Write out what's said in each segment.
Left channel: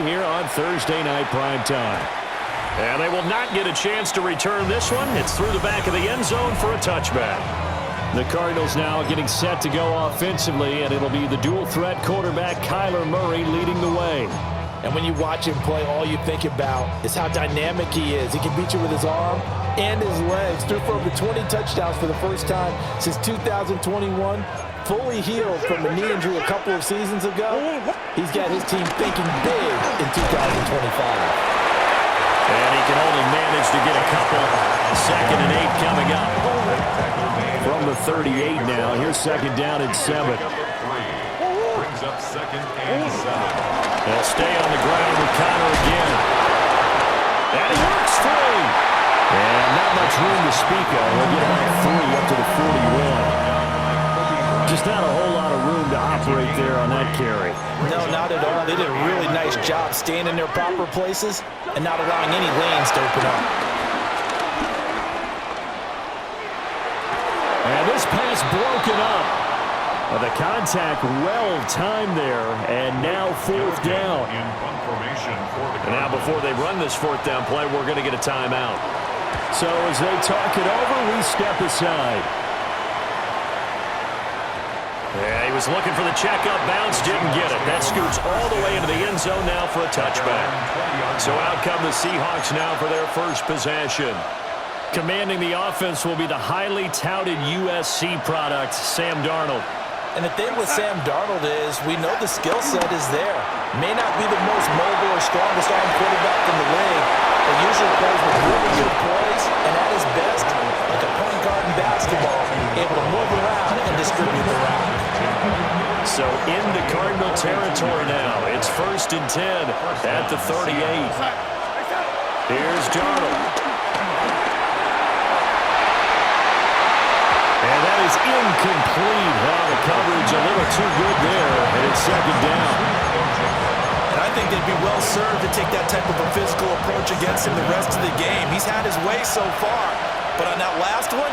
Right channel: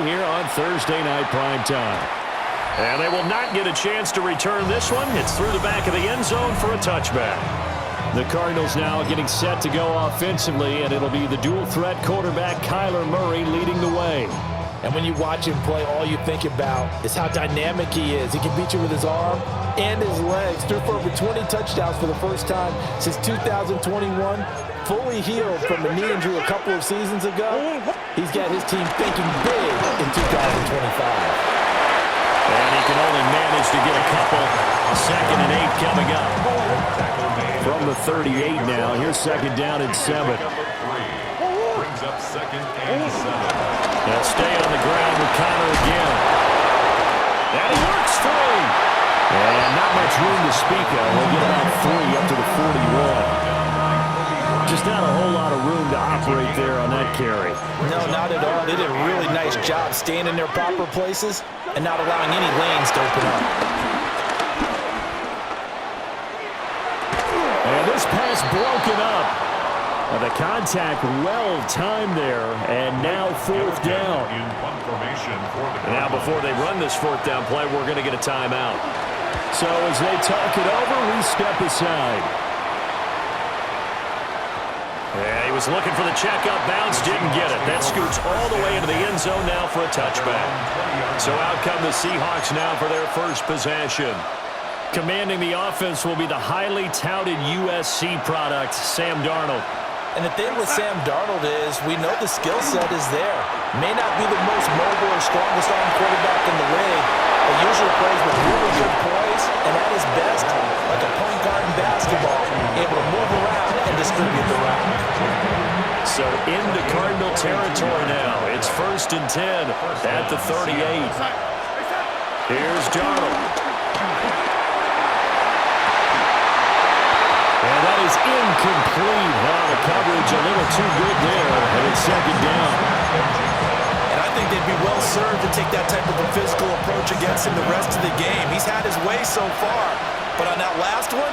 play here on Thursday Night Primetime. And they will not get a chance to return this one. It's through the back of the end zone for a touchback. The Cardinals now getting set to go offensively, and it'll be the dual-threat quarterback Kyler Murray leading the way. And when you watch him play, all you think about is how dynamic he is. He can beat you with his arm and his legs. Threw for over 20 touchdowns for the first time since 2021. Fully healed from a knee injury a couple of seasons ago. He's got his team thinking big in 2025. And he can only manage to get a couple. 2nd and 8 coming up. From the 38 now. Here's 2nd down and 7. Brings up 2nd and 7. They'll stay on the ground with Connor again. And he works free. And not much room to speak of. He'll get about 3 up to the 41. Just not a whole lot of room to operate there on that carry. No, not at all. They did a really nice job staying in their proper places and not allowing any lanes to open up. And this pass broken up. The contact well timed there, and now 4th down. And now before they run this 4th down play, we're going to get a timeout. So as they talk it over, we step aside. Yeah, he was looking for the checkup bounce, didn't get it. That scoots all the way into the end zone now for a touchback. So out come the Seahawks now for their first possession. Commanding the offense will be the highly touted USC product, Sam Darnold. And the thing with Sam Darnold is we know the skill set is there. May not be the most mobile or strongest arm quarterback in the league, but usually plays with really good poise, and at his best, like a point guard in basketball, able to move around and distribute the rock. So into Cardinal territory now. It's 1st and 10 at the 38. Here's Darnold. And that is incomplete. Oh, the coverage a little too good there, and it's 2nd down. And I think they'd be well served to take that type of a physical approach against him the rest of the game. He's had his way so far, but on that last one,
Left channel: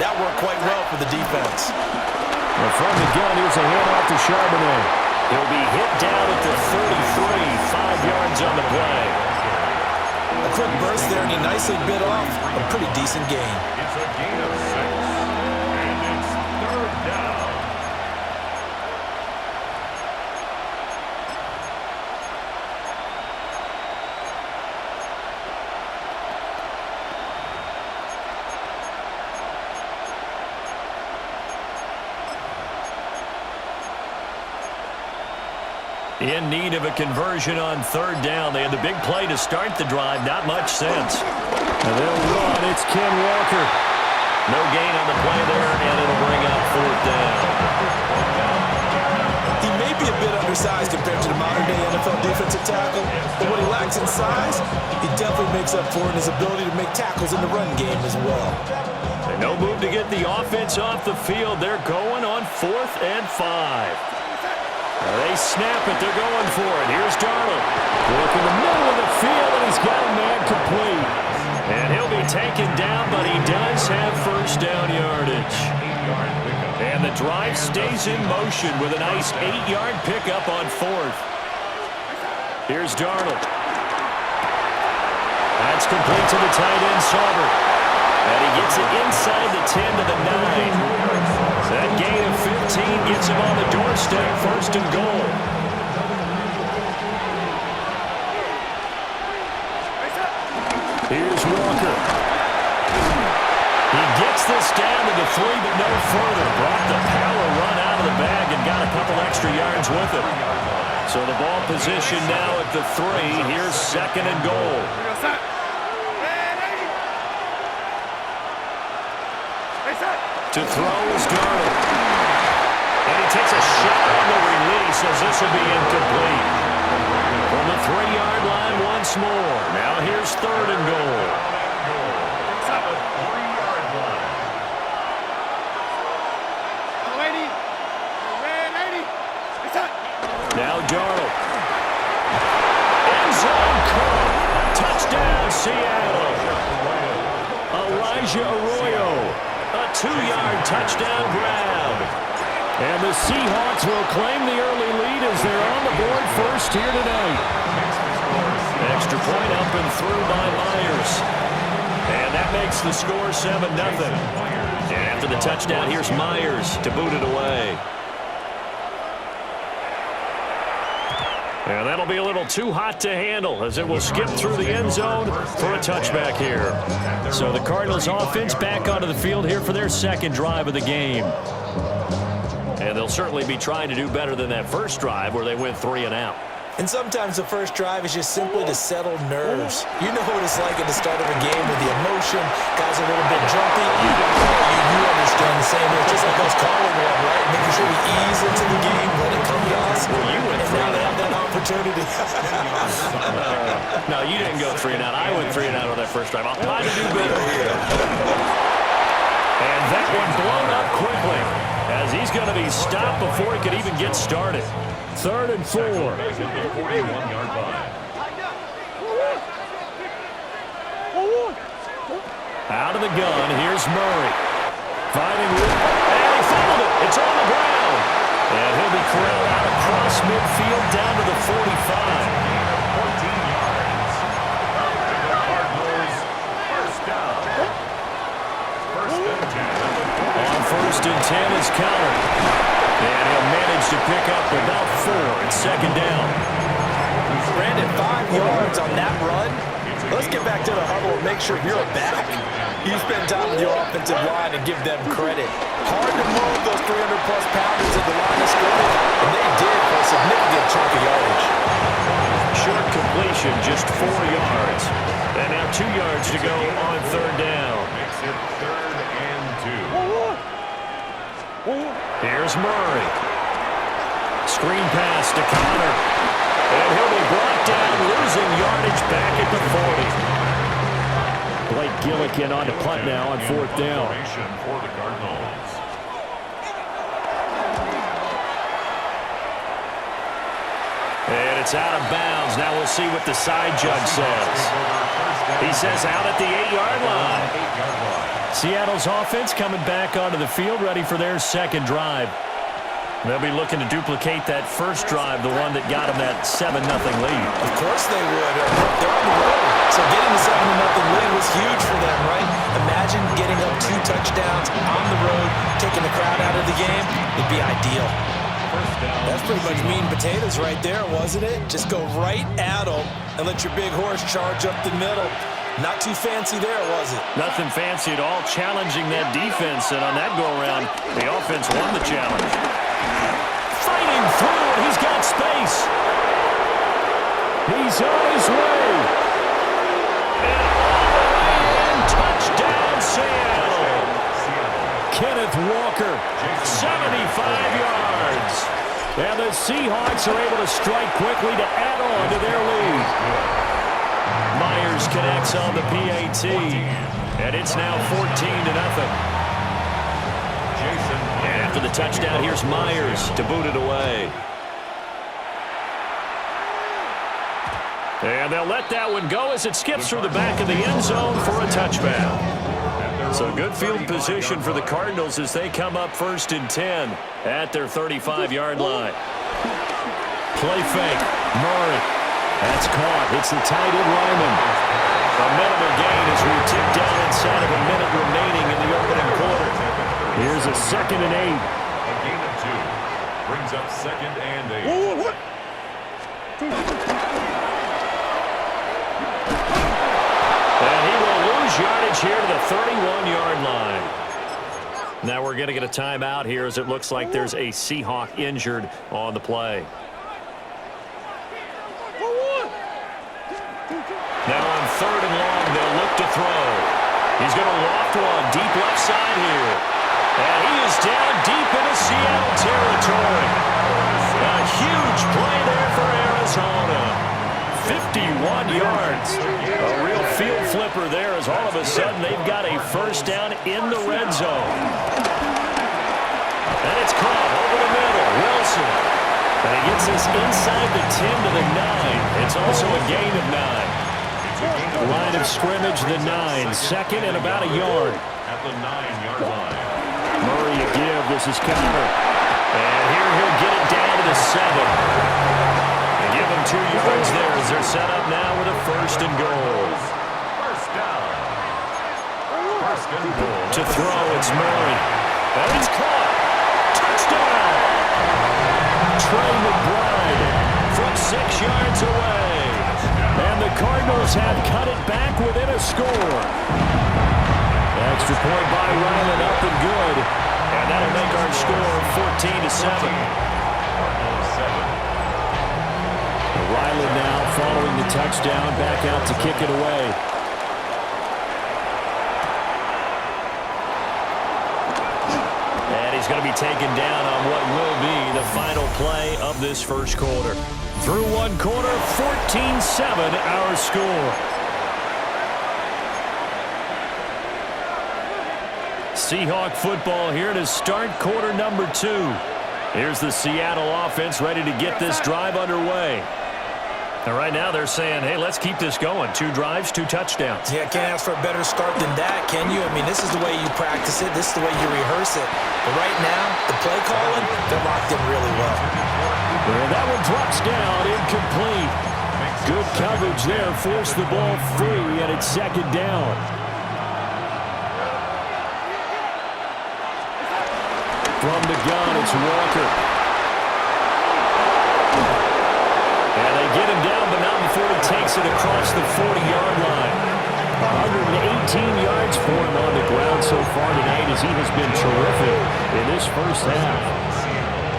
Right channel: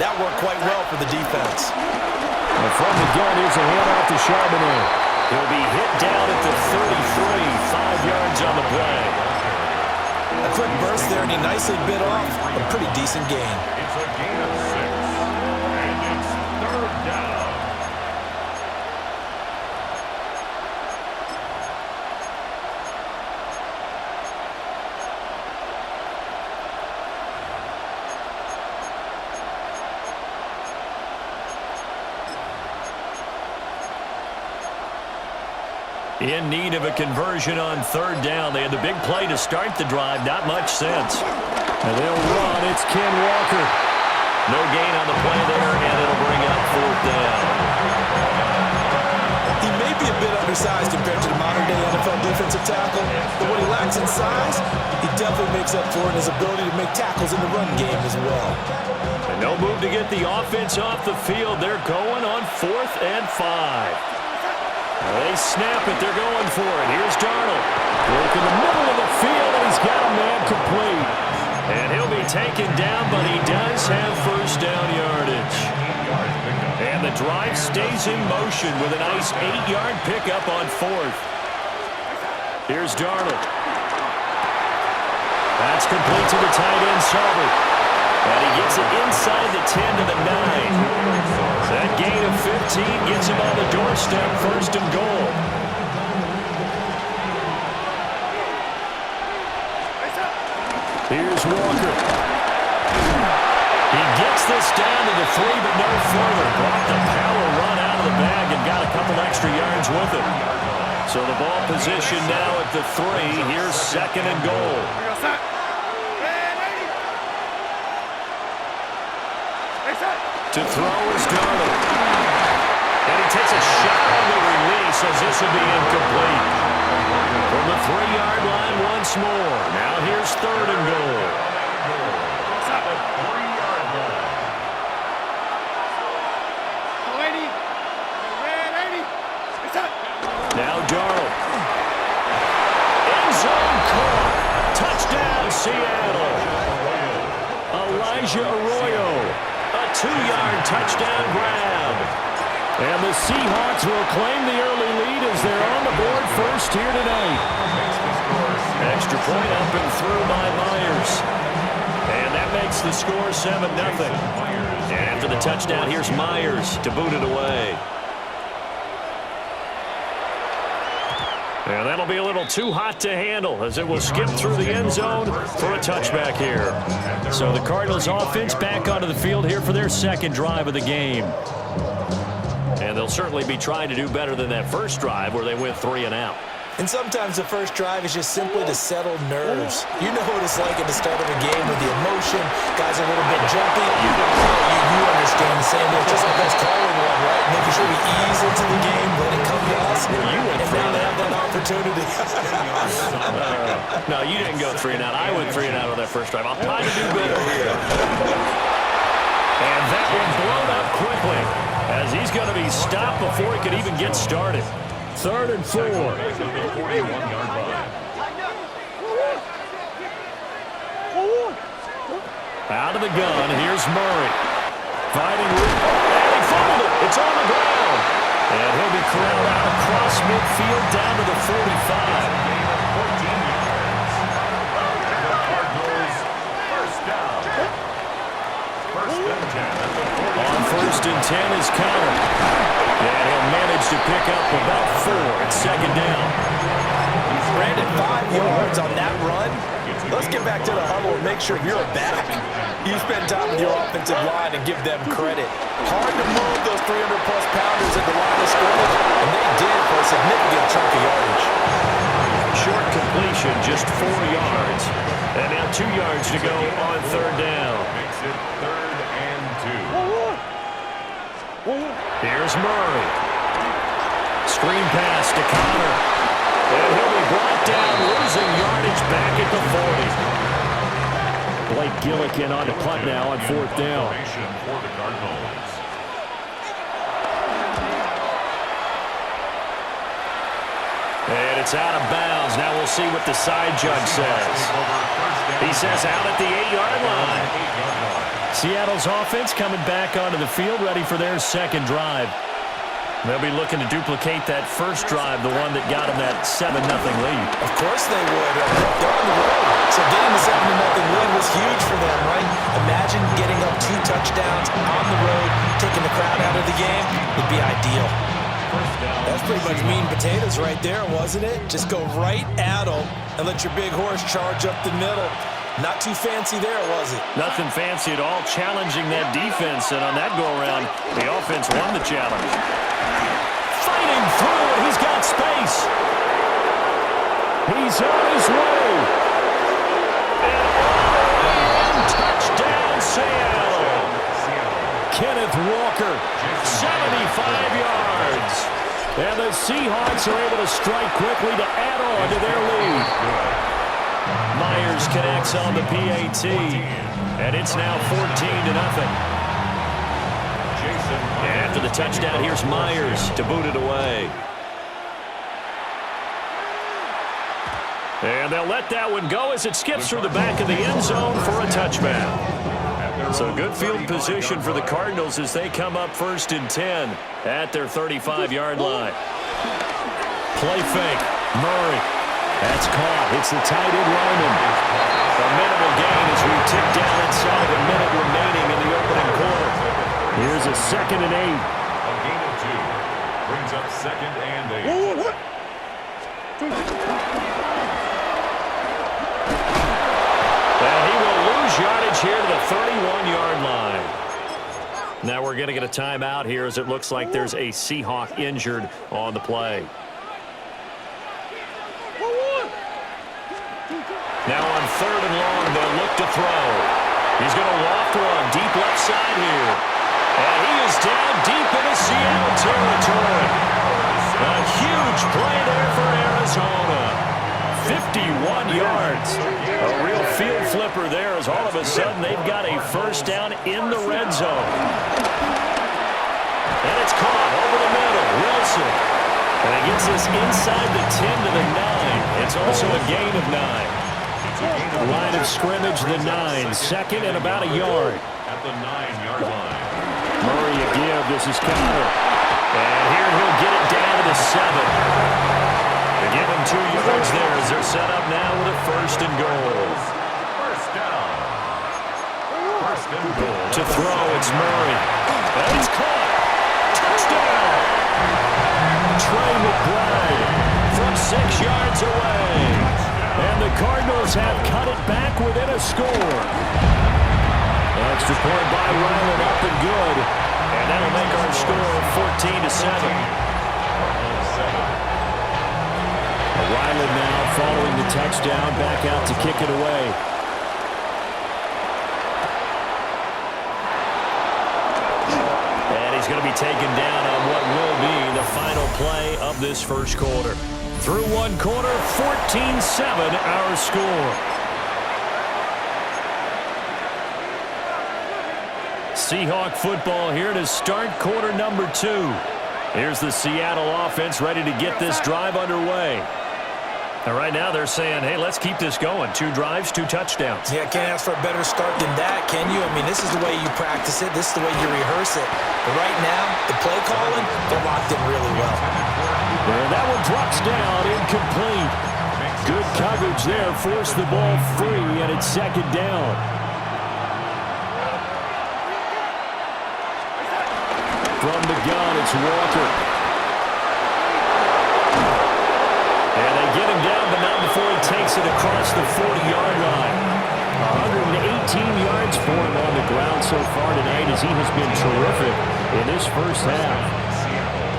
that worked quite well for the defense. And from the gun, here's a handoff to Charbonnet. He'll be hit down at the 33, 5 yards on the play. A quick burst there, and he nicely bit off a pretty decent gain. It's a gain of 6, and it's 3rd down. In need of a conversion on 3rd down. They had the big play to start the drive. Not much sense. And they'll run. It's Ken Walker. No gain on the play there, and it'll bring up 4th down. He may be a bit undersized compared to the modern-day NFL defensive tackle, but what he lacks in size, he definitely makes up for in his ability to make tackles in the run game as well. And no move to get the offense off the field. They're going on 4th and 5. They snap it. They're going for it. Here's Darnold. Work in the middle of the field, and he's got a man complete. And he'll be taken down, but he does have 1st down yardage. And the drive stays in motion with a nice 8-yard pickup on 4th. Here's Darnold. That's complete to the tight end, Saubert. And he gets it inside the 10 to the 9. That gain of 15 gets him on the doorstep, 1st and goal. Here's Walker. He gets this down to the 3, but no further. Brought the power run out of the bag and got a couple extra yards with it. So the ball position now at the 3. Here's 2nd and goal. To throw is Darnold. And he takes a shot on the release as this will be incomplete. From the 3-yard line once more. Now here's 3rd and goal. Now Darnold. End zone caught. Touchdown Seattle. Elijah Arroyo. A 2-yard touchdown grab. And the Seahawks will claim the early lead as they're on the board first here tonight. extra point up and through by Myers. And that makes the score 7-0. And after the touchdown, here's Myers to boot it away. And that'll be a little too hot to handle as it will skip through the end zone for a touchback here. So the Cardinals offense back onto the field here for their second drive of the game. And they'll certainly be trying to do better than that first drive where they went 3 and out. And sometimes the first drive is just simply to settle nerves. You know what it's like at the start of a game with the emotion. Guys are a little bit jumpy. You understand the same way. It's just like us calling one, right? Making sure we ease into the game, let it come to us. Well, you went and now they have that opportunity. No, you didn't go 3 and out. I went 3 and out on that first drive. I'll try to do better here. And that one blown up quickly as he's going to be stopped before he could even get started. 3rd and 4. 41-yard line. Out of the gun, here's Murray. Fighting with, and he fumbled it. It's on the ground. And he'll be corralled out across midfield down to the 45. Gain of 14 yards. And the Cardinals first down. First and 10 at the 40. On 1st and 10 is Connor. And he'll manage to pick up about 4. It's 2nd down. Brandon, 5 yards on that run. Let's get back to the huddle and make sure you're back. You spend time with your offensive line and give them credit. Hard to move those 300-plus pounders at the line of scrimmage, and they did for a significant chunk of yardage. Short completion, just 4 yards. And now 2 yards to go on 3rd down. Makes it 3rd and 2. Here's Murray. Screen pass to Connor. And he'll be brought down, losing yardage back at the 40. Blake Gillikin on to punt now on 4th down. For the Cardinals. And it's out of bounds. Now we'll see what the side judge says. He says out at the 8-yard line. Seattle's offense coming back onto the field, ready for their second drive. They'll be looking to duplicate that first drive, the one that got them that 7-0 lead. Of course they would. They're on the road, so getting the 7-0 lead was huge for them, right? Imagine getting up 2 touchdowns on the road, taking the crowd out of the game. Would be ideal. That's pretty much meat and potatoes right there, wasn't it? Just go right at them and let your big horse charge up the middle. Not too fancy there, was it? Nothing fancy at all, challenging that defense, and on that go-around, the offense won the challenge. Fighting through, and he's got space. He's on his way. And all the way in, touchdown, Seattle. Kenneth Walker, 75 yards. And the Seahawks are able to strike quickly to add on to their lead. Myers connects on the PAT, and it's now 14-0. And after the touchdown, here's Myers to boot it away. And they'll let that one go as it skips through the back of the end zone for a touchback. So good field position for the Cardinals as they come up 1st and 10 at their 35-yard line. Play fake, Murray. That's caught. It's the tight end, Ryman. A minimal gain as we tick down inside of a minute remaining in the opening quarter. Here's a 2nd and 8. A gain of 2 brings up 2nd and 8. And he will lose yardage here to the 31-yard line. Now we're going to get a timeout here as it looks like there's a Seahawk injured on the play. Now on 3rd and long, they'll look to throw. He's going to loft one deep left side here. And he is down deep into Seattle territory. A huge play there for Arizona. 51 yards. A real field flipper there as all of a sudden they've got a first down in the red zone. And it's caught over the middle. Wilson. And he gets this inside the 10 to the 9. It's also a gain of 9. Line of scrimmage, the 9. 2nd and about a yard. At the 9-yard line. Murray a give. This is Connor. And here he'll get it down to the 7. give them 2 yards there as they're set up now with a first and goal. First down. First and goal. To throw, it's Murray. And it's caught. Touchdown. Trey McBride from 6 yards away. And the Cardinals have cut it back within a score. Extra point by Ryland, up and good. And that'll make our score 14-7. Cardinals 7. Ryland now following the touchdown, back out to kick it away. And he's going to be taken down on what will be the final play of this first quarter. Through 1 quarter, 14-7 our score. Seahawk football here to start quarter number 2. Here's the Seattle offense ready to get this drive underway. And right now they're saying, hey, let's keep this going. 2 drives, 2 touchdowns. Yeah, can't ask for a better start than that, can you? I mean, this is the way you practice it. This is the way you rehearse it. But right now, the play calling, they're locked in really well. And that one drops down, incomplete. Good coverage there, forced the ball free, and it's second down. From the gun, it's Walker. And they get him down, but not before he takes it across the 40-yard line. 118 yards for him on the ground so far tonight as he has been terrific in this first half.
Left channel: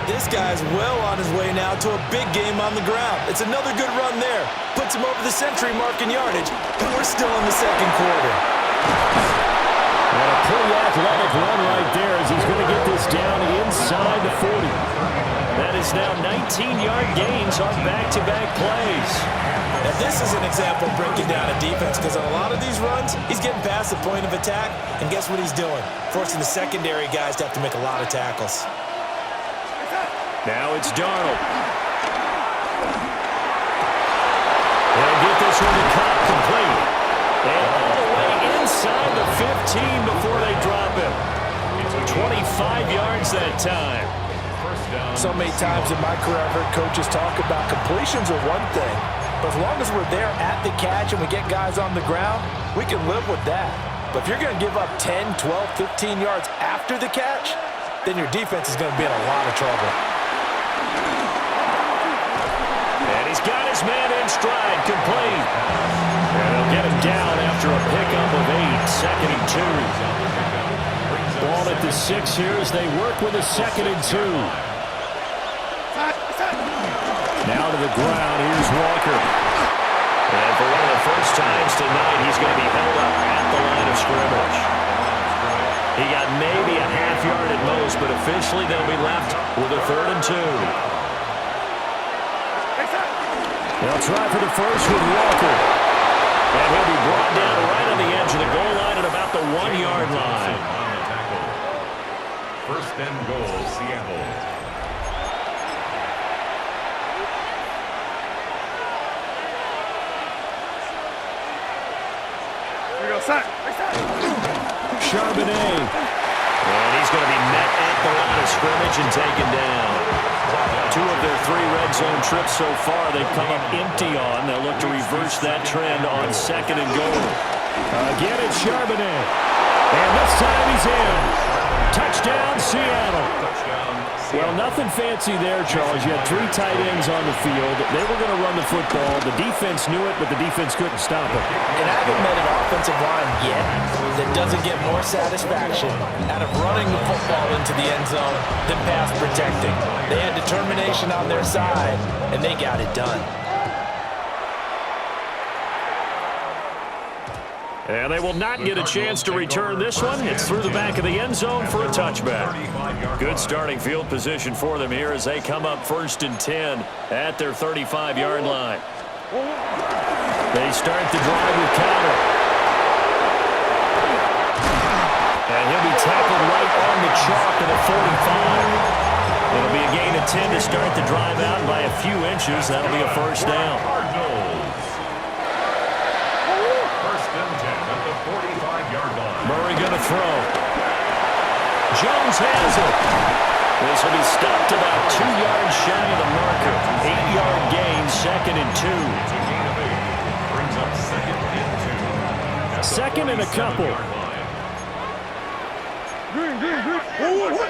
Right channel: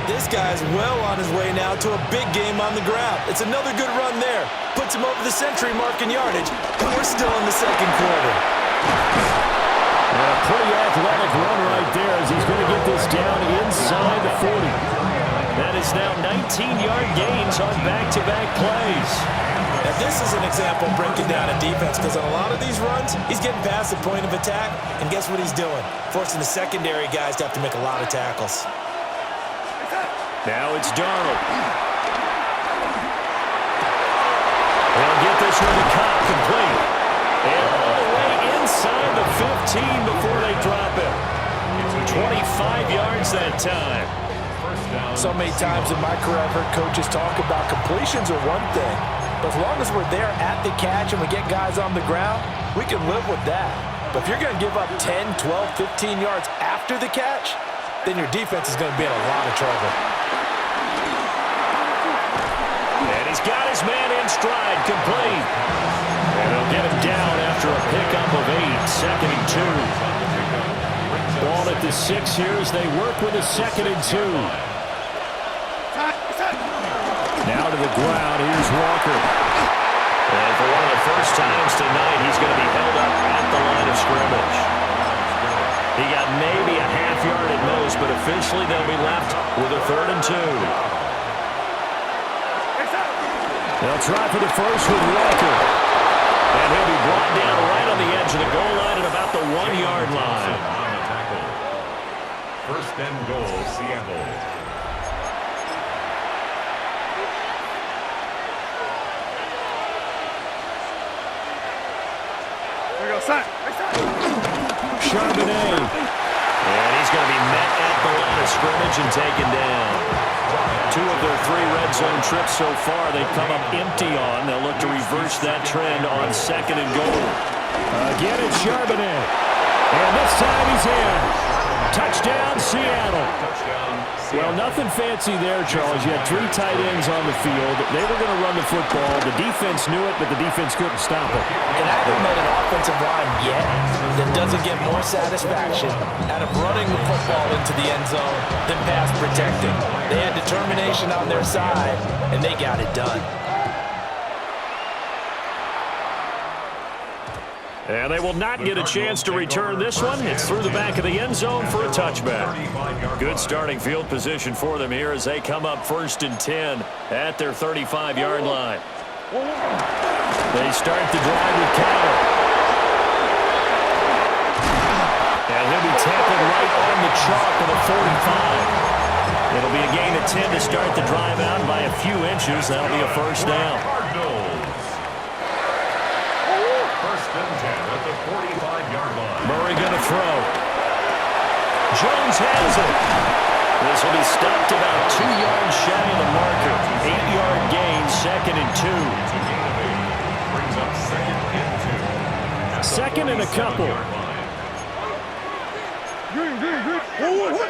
This guy's well on his way now to a big game on the ground. It's another good run there. Puts him over the century mark in yardage, and we're still in the second quarter. And a pretty athletic run right there as he's going to get this down inside the 40. That is now 19-yard gains on back-to-back plays. Now, this is an example of breaking down a defense because on a lot of these runs, he's getting past the point of attack, and guess what he's doing? Forcing the secondary guys to have to make a lot of tackles. Now it's Darnold. They'll get this one to Cobb, complete. And all the way inside the 15 before they drop him. 25 yards that time. So many times in my career I've heard coaches talk about completions are one thing, but as long as we're there at the catch and we get guys on the ground, we can live with that. But if you're going to give up 10, 12, 15 yards after the catch, then your defense is going to be in a lot of trouble. And he's got his man in stride, complete. And they'll get him down after a pickup of 8, second and 2. Ball at the 6 here as they work with a second and 2. Now to the ground, here's Walker. And for one of the first times tonight, he's going to be held up at the line of scrimmage. He got maybe a half yard at most, but officially they'll be left with a 3rd and 2. They'll try for the first with Walker. And he'll be brought down right on the edge of the goal line at about the 1-yard line. First and goal, Seattle. Here we go, set. Charbonnet. And he's going to be met at the line of scrimmage and taken down. 2 of their 3 red zone trips so far they've come up empty on. They'll look to reverse that trend on second and goal. Again, it's Charbonnet. And this time he's in. Touchdown, Seattle. Well, nothing fancy there, Charles. You had 3 tight ends on the field. They were going to run the football. The defense knew it, but the defense couldn't stop them. And I haven't met an offensive line yet that doesn't get more satisfaction out of running the football into the end zone than pass protecting. They had determination on their side, and they got it done. And they will not get a chance to return this one. It's through the back of the end zone for a touchback. Good starting field position for them here as they come up 1st and 10 at their 35-yard line. They start the drive with Counter. And he'll be tackled right on the chalk of the 45. It'll be a gain of 10 to start the drive out by a few inches. That'll be a first down. First and 10 at the 45-yard line. Murray going to throw. Jones has it. This will be stopped about 2 yards shy of the marker. 8-yard gain, 2nd and 2. It's a gain of 8. Brings up 2nd and 2. At the 2nd and a couple. 47-yard line. Green. 1-1.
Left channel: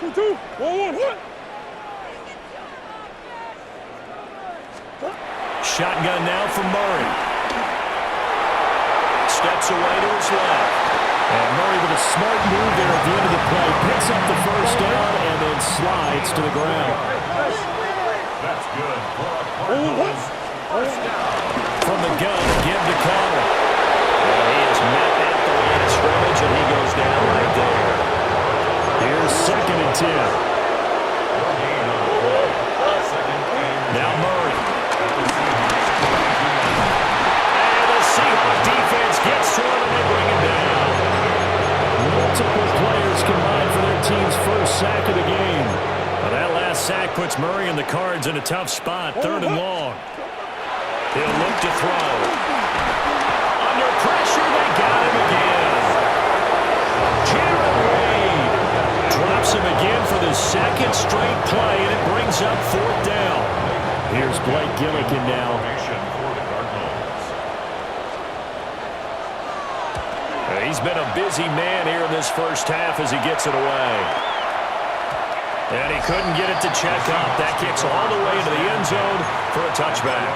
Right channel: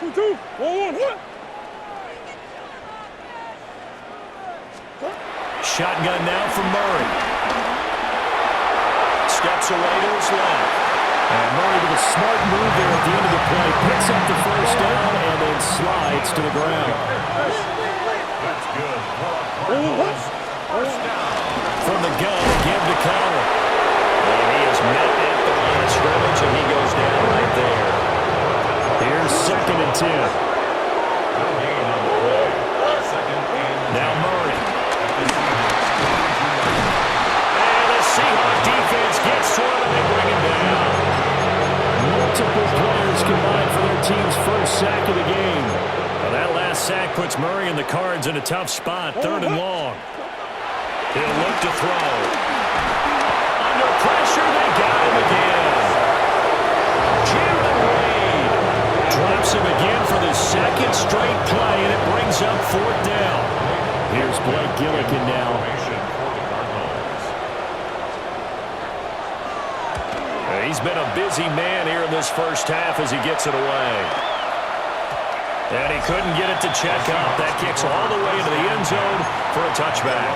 2-2. 1-1. Shotgun now from Murray. Steps away to his left. And Murray with a smart move there at the end of the play. Picks up the first down and then slides to the ground. That's good for a Cardinals first down. From the gun, again to counter. And he is met at the line of scrimmage, and he goes down right there. Here's 2nd and 10. No gain on the play. 2nd and 10. Now Murray. At the Seahawks 22-yard line. And the Seahawks defense gets to him, and they bring him down. Multiple players combined for their team's first sack of the game. Now that last sack puts Murray and the Cards in a tough spot, 3rd and long. He'll look to throw. Under pressure, they got him again. Jared Wade drops him again for the 2nd straight play, and it brings up 4th down. Here's Blake Gillikin now. Formation for the Cardinals. He's been a busy man here in this first half as he gets it away. And he couldn't get it to check up. That kicks all the way into the end zone for a touchback.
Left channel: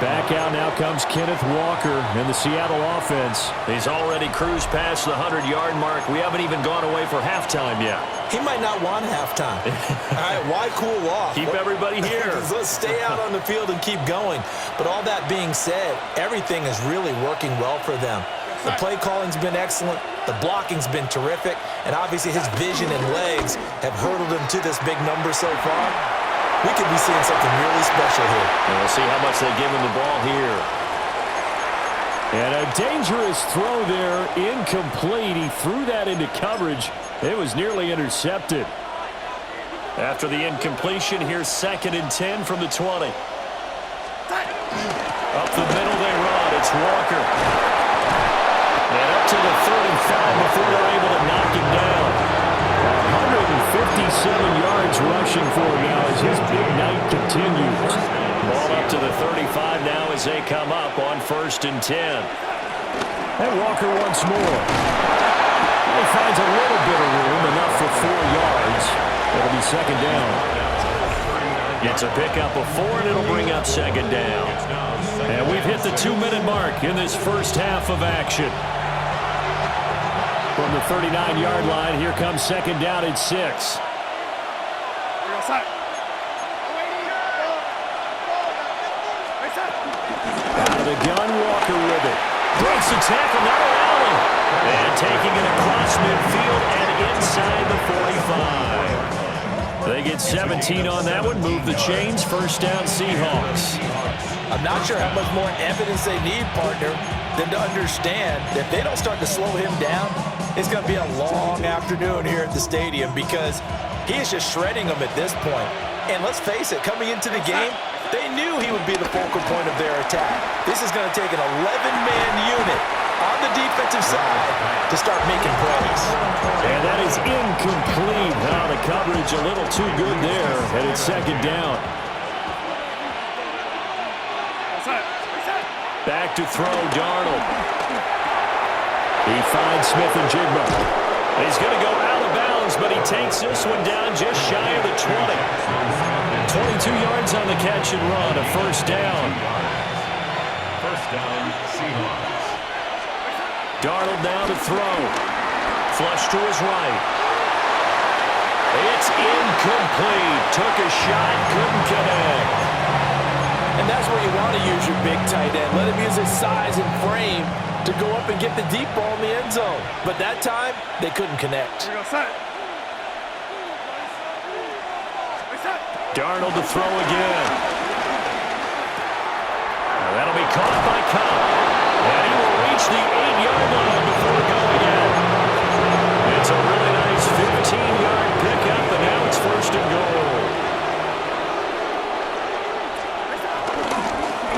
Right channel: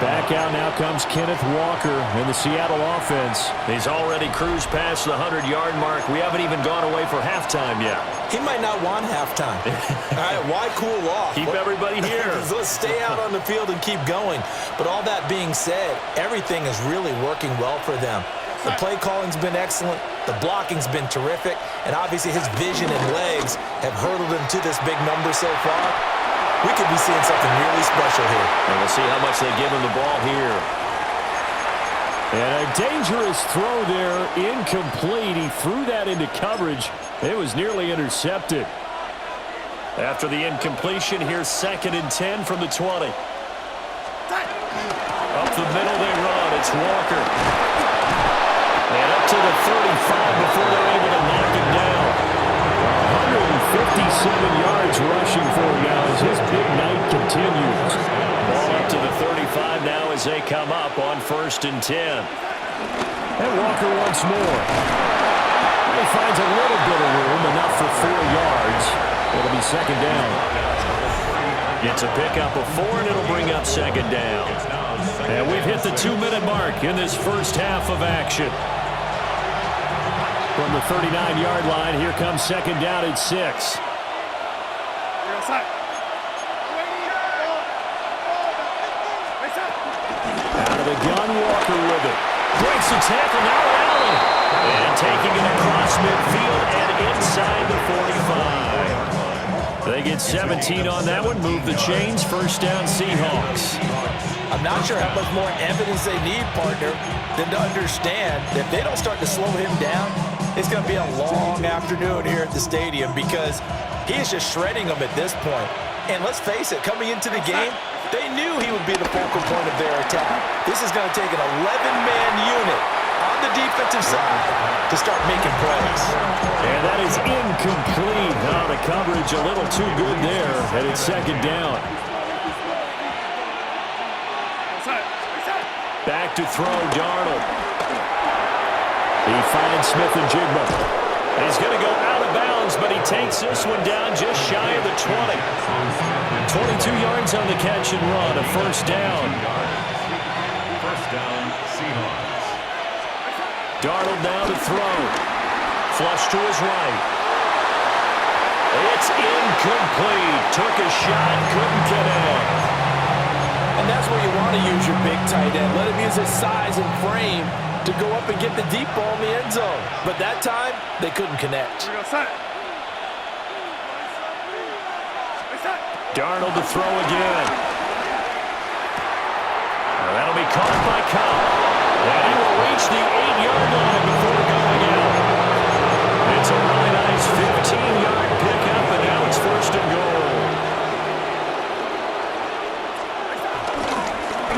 Back out now comes Kenneth Walker in the Seattle offense. He's already cruised past the 100-yard mark. We haven't even gone away for halftime yet. He might not want halftime. All right, why cool off? Keep everybody here. Let's stay out on the field and keep going. But all that being said, everything is really working well for them. The play calling's been excellent. The blocking's been terrific. And obviously his vision and legs have hurdled him to this big number so far. We could be seeing something really special here. And we'll see how much they give him the ball here. And a dangerous throw there, incomplete. He threw that into coverage. It was nearly intercepted. After the incompletion, here's 2nd and 10 from the 20. Up the middle they run. It's Walker. And up to the 35 before they're able to knock him down. 157 yards rushing for him now as his big night continues. Ball up to the 35 now as they come up on 1st and 10. And Walker once more. He finds a little bit of room, enough for 4 yards. It'll be 2nd down. Gets a pickup of 4, and it'll bring up 2nd down. And we've hit the 2-minute mark in this first half of action. From the 39-yard line, here comes 2nd down at 6. Out of the gun, Walker with it. Breaks the tackle, now an alley. And taking it across midfield and inside the 45. They get 17 on that one, move the chains, 1st down Seahawks. I'm not sure how much more evidence they need, partner, than to understand that if they don't start to slow him down, it's going to be a long afternoon here at the stadium because he is just shredding them at this point. And let's face it, coming into the game, they knew he would be the focal point of their attack. This is going to take an 11-man unit on the defensive side to start making plays. And that is incomplete. Oh, the coverage a little too good there, and it's 2nd down. Back to throw, Darnold. He finds Smith and Jigba. He's going to go out of bounds, but he takes this one down just shy of the 20. 22 yards on the catch and run, a 1st down. 1st down, Seahawks. Darnold now to throw. Flush to his right. It's incomplete. Took a shot, couldn't connect. And that's where you want to use your big tight end. Let him use his size and frame to go up and get the deep ball in the end zone. But that time, they couldn't connect. Darnold to throw again. Now that'll be caught by Cobb. And he will reach the 8-yard line before going out. It's a really nice 15-yard pickup, and now it's 1st and goal.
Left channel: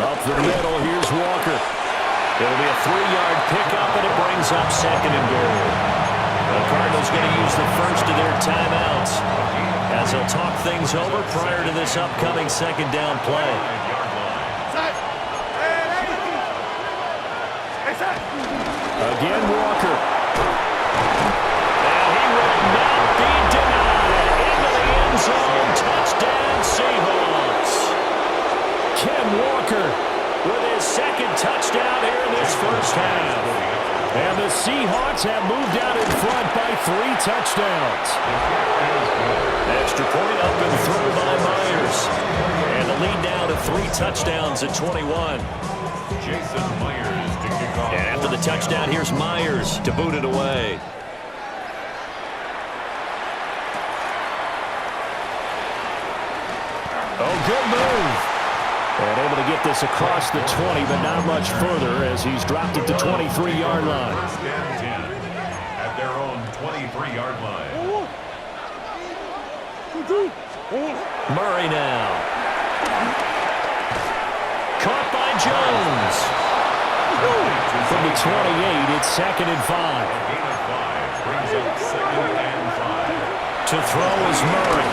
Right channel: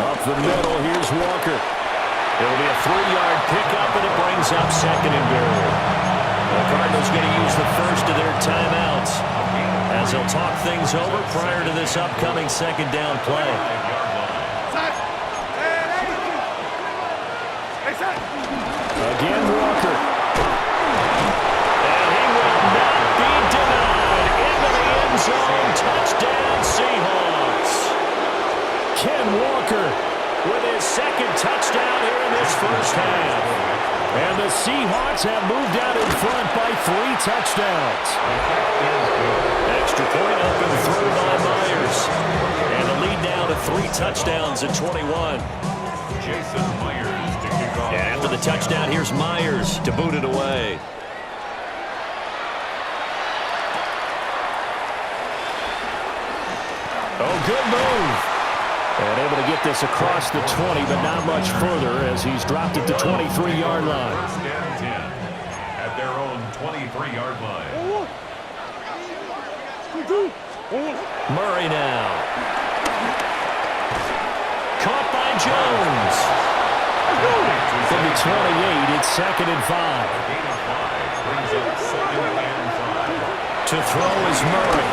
Up the middle, here's Walker. It'll be a 3-yard pickup, and it brings up 2nd and goal. The Cardinals going to use the first of their timeouts as they'll talk things over prior to this upcoming second down play. Again, Walker. And he will not be denied. Into the end zone. Touchdown, Seahawks. Ken Walker with his second touchdown here in this first half. And the Seahawks have moved out in front by 3 touchdowns. Extra point up and through by Myers. And the lead down to 3 touchdowns at 21. Jason Myers to kick off. And after the touchdown, here's Myers to boot it away. Oh, good move. And able to get this across the 20, but not much further as he's dropped it to 23-yard line. First and 10 at their own 23-yard line. Murray now. Caught by Jones. From the 28, it's 2nd and 5. A gain of 5 brings up 2nd and 5. To throw is Murray.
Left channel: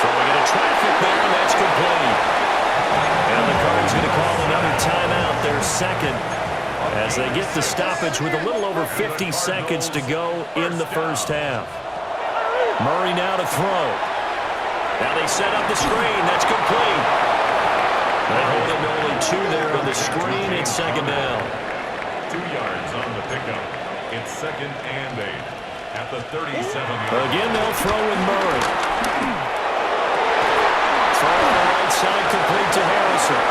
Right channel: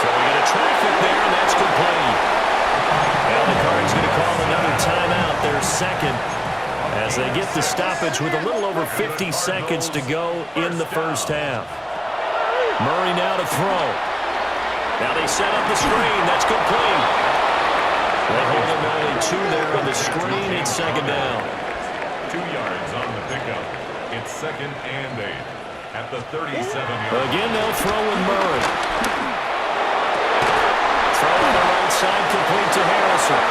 Throwing into traffic there, and that's complete. Now the Cards going to call another timeout, their second, as they get the stoppage with a little over 50 seconds to go in the first half. Murray now to throw. Now they set up the screen. That's complete. They hold him to only 2 there on the screen. It's 2nd down. 2 yards on the pickup. It's 2nd and 8 at the 37-yard line. Again, they'll throw with Murray. Throw on the right side, complete to Harrison.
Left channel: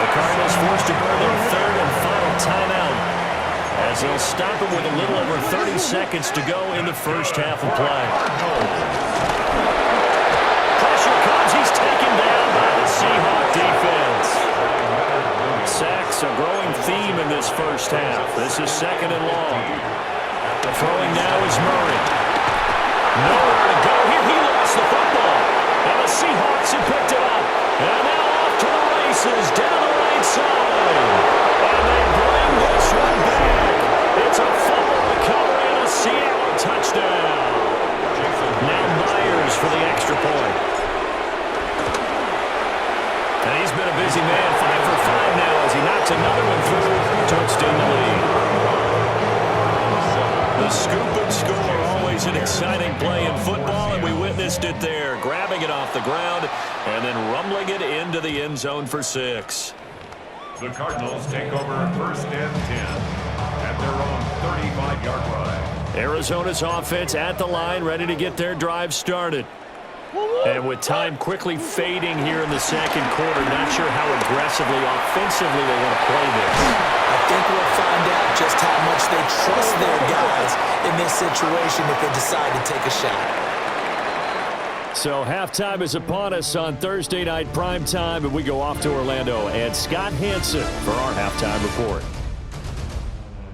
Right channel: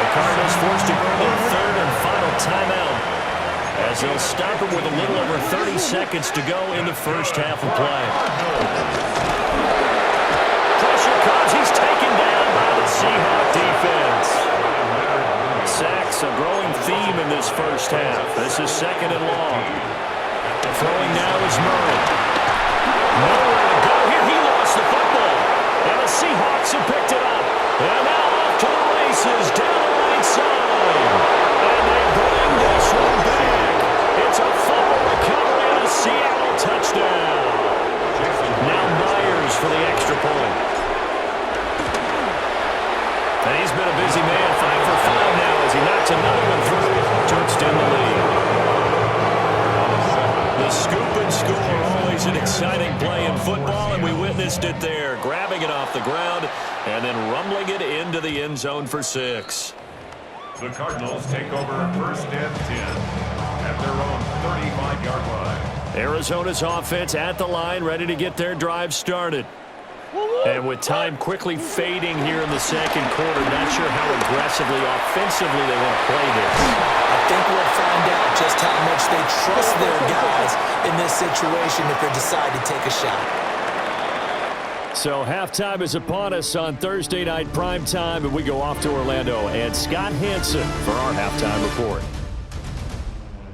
The Cardinals forced to burn their 3rd and final timeout as they'll stop it with a little over 30 seconds to go in the first half of play. Pressure comes. He's taken down by the Seahawk defense. Sacks, a growing theme in this first half. This is 2nd and long. Throwing now is Murray. Nowhere to go here. He lost the football. And the Seahawks have picked it up. And now off to the races down the right side. And they bring this one back. It's a fumble recovery and a Seattle touchdown. Now Myers for the extra point. And he's been a busy man, 5 for 5 now as he knocks another one through to extend the lead. The scoop and score, always an exciting play in football, and we witnessed it there, grabbing it off the ground and then rumbling it into the end zone for 6. The Cardinals take over 1st and 10 at their own 35-yard line. Arizona's offense at the line, ready to get their drive started. And with time quickly fading here in the second quarter, not sure how aggressively, offensively they want to play this. I think we'll find out just how much they trust their guys in this situation if they decide to take a shot. So halftime is upon us on Thursday night primetime, and we go off to Orlando. And Scott Hansen for our halftime report.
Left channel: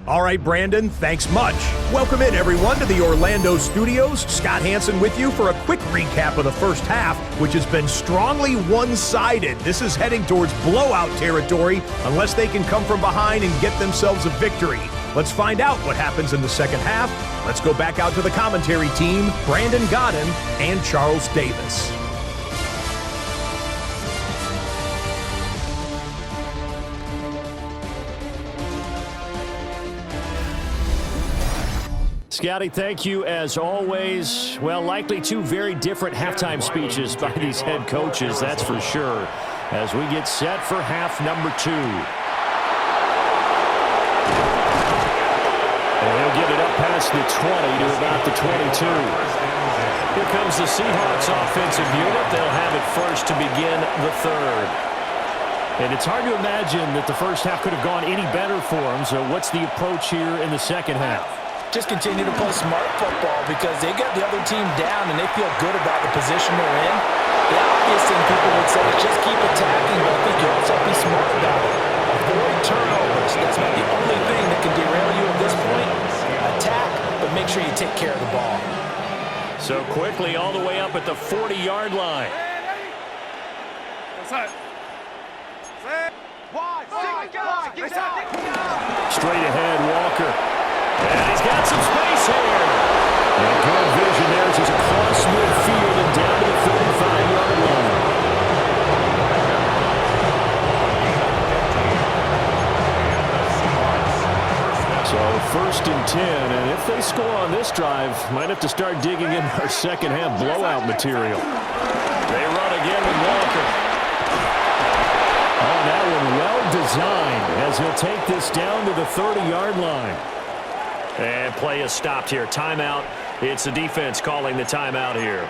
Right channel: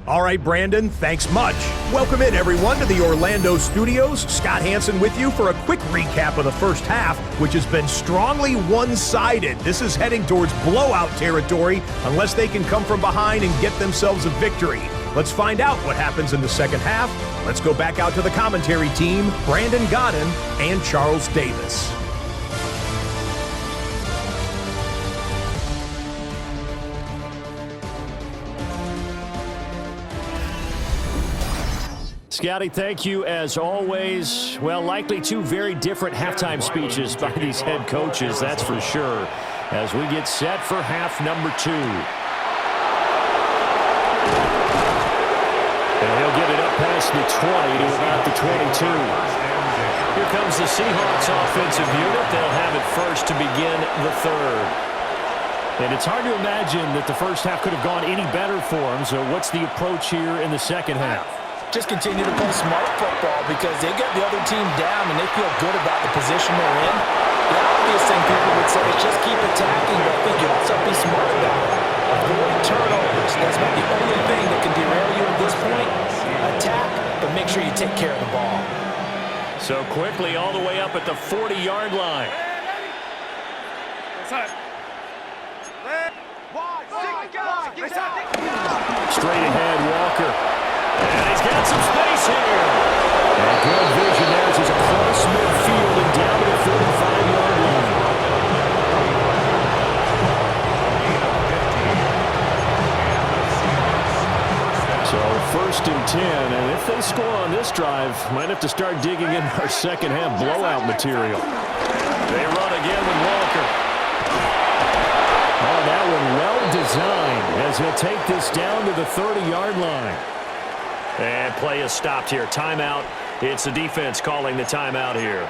All right, Brandon, thanks much. Welcome in, everyone, to the Orlando studios. Scott Hansen with you for a quick recap of the first half, which has been strongly one-sided. This is heading towards blowout territory unless they can come from behind and get themselves a victory. Let's find out what happens in the second half. Let's go back out to the commentary team, Brandon Godden and Charles Davis. Scotty, thank you as always. Well, likely 2 very different halftime speeches by these head coaches, that's for sure, as we get set for half number 2. And he'll get it up past the 20 to about the 22. Here comes the Seahawks offensive unit. They'll have it first to begin the 3rd. And it's hard to imagine that the first half could have gone any better for them, so what's the approach here in the second half? Just continue to play smart football because they got the other team down and they feel good about the position they're in. The obvious thing people would say is just keep attacking, but I think you also have to be smart about it. Avoid turnovers. That's not the only thing that can derail you at this point. Attack, but make sure you take care of the ball. So quickly all the way up at the 40-yard line. Straight ahead, Walker. And he's got some space here. And good vision there as he's across midfield and down to the 45-yard line. So 1st and 10, and if they score on this drive, might have to start digging in our second half blowout material. They run again with Walker. Oh, that one well designed as he'll take this down to the 30-yard line. And play is stopped here. Timeout. It's the defense calling the timeout here.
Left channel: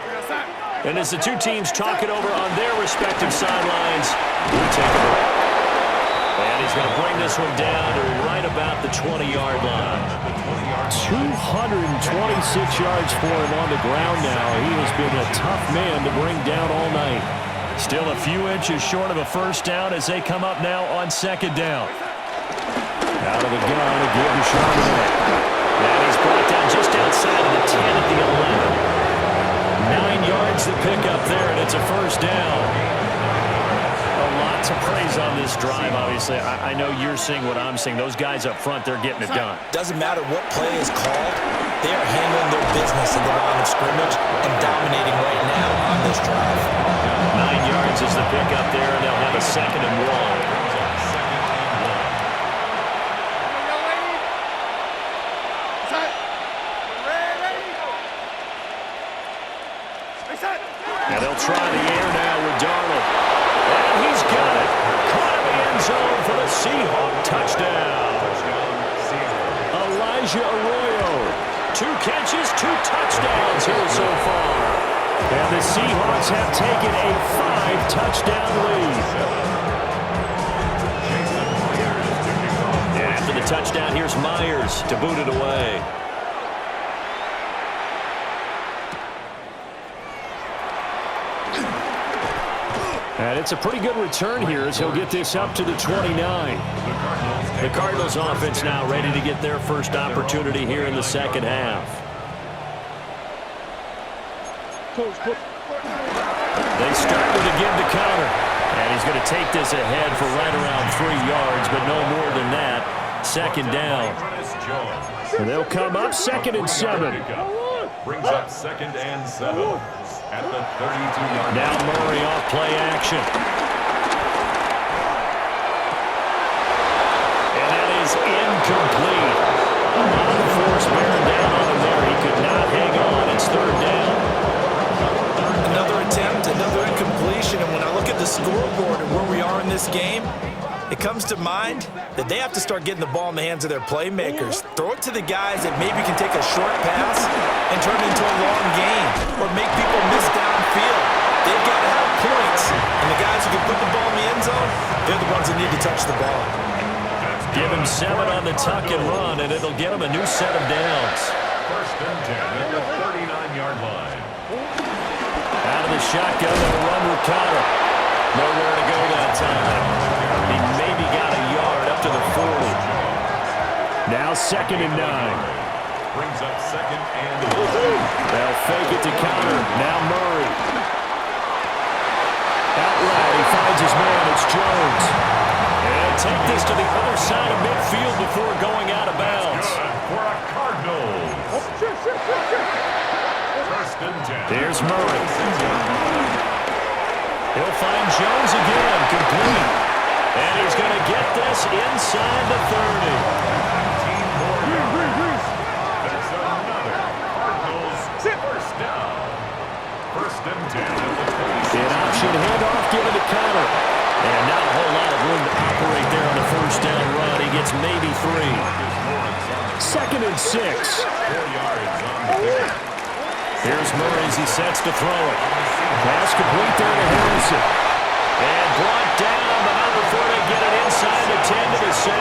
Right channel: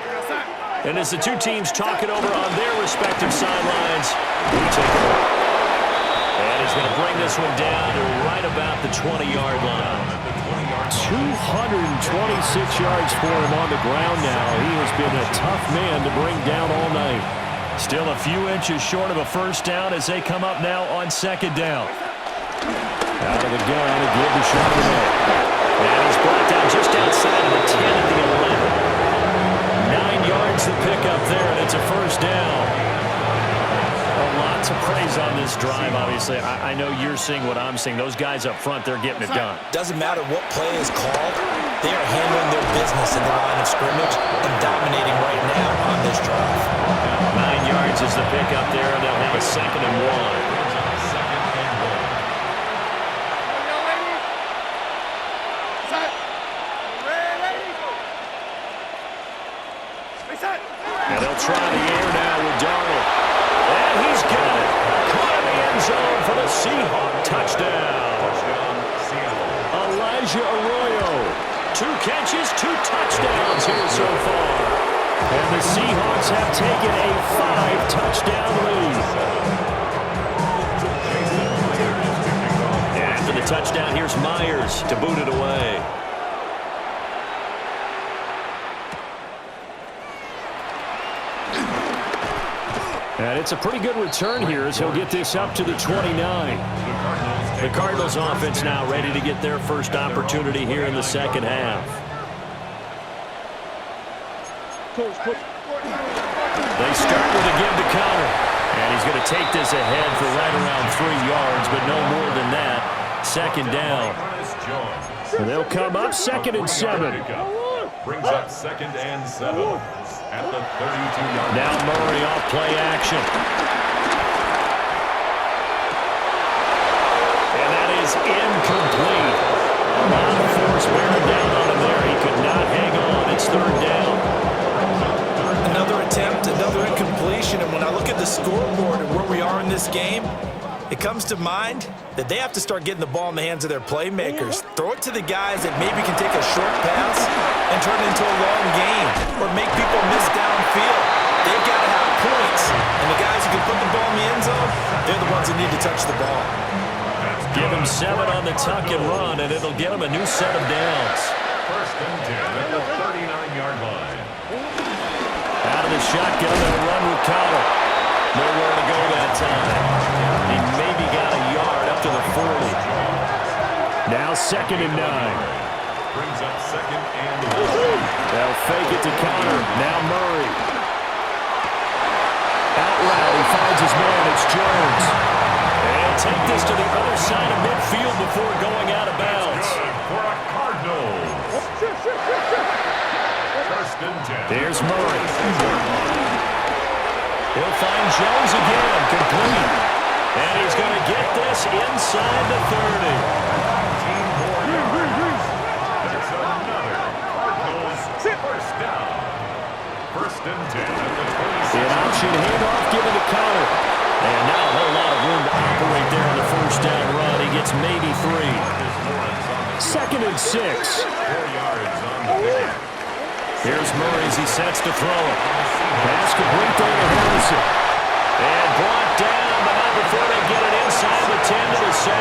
And as the two teams talk it over on their respective sidelines, we take a break. And he's going to bring this one down to right about the 20-yard line. 226 yards for him on the ground now. He has been a tough man to bring down all night. Still a few inches short of a first down as they come up now on 2nd down. Out of the gun, a give to Charbonnet. And he's brought down just outside of the 10 at the 11. 9 yards to pick up there, and it's a first down. Lots of praise on this drive, obviously. I know you're seeing what I'm seeing. Those guys up front, they're getting it done. Doesn't matter what play is called. They are handling their business in the line of scrimmage and dominating right now on this drive. 9 yards is the pickup there, and they'll have a 2nd and 1. And they'll try the air now with Darnold. And he's got it. Caught in the end zone for the Seahawk touchdown. Elijah Arroyo. 2 catches, 2 touchdowns here so far. And the Seahawks have taken a 5-touchdown lead. After the touchdown, here's Myers to boot it away. And it's a pretty good return here as he'll get this up to the 29. The Cardinals offense now ready to get their first opportunity here in the second half. They start with a give to counter. And he's going to take this ahead for right around 3 yards, but no more than that. 2nd down. And they'll come up 2nd and 7. Brings up 2nd and 7. At the 32-yard line. Now Murray off play action. And that is incomplete. A lot of force bearing down on him there. He could not hang on. It's 3rd down. Another attempt, another incompletion. And when I look at the scoreboard and where we are in this game, it comes to mind that they have to start getting the ball in the hands of their playmakers. Throw it to the guys that maybe can take a short pass and turn it into a long game or make people miss downfield. They've got to have points. And the guys who can put the ball in the end zone, they're the ones that need to touch the ball. Give him 7 on the tuck and run, and it'll get him a new set of downs. 1st and 10 at the 39-yard line. Out of the shotgun, they'll run with Connor. Nowhere to go that time. He maybe got a yard up to the 40. Now 2nd and 9. Brings up 2nd and 1. They'll fake it to Connor. Now Murray. Out route, he finds his man. It's Jones. And take this to the other side of midfield before going out of bounds. Good for a Cardinals. 1st and 10. Here's Murray. He'll find Jones again, complete. And he's going to get this inside the 30. 19 more yards. That's another Cardinals 1st down. 1st and 10 at the 26. An option handoff given to Connor. And not a whole lot of room to operate there on the 1st down run. He gets maybe 3. 2nd and 6. 4 yards on the pick. Here's Murray as he sets to throw it. Pass complete there to Harrison. And brought down, but not before they get it inside the 10 to the 7.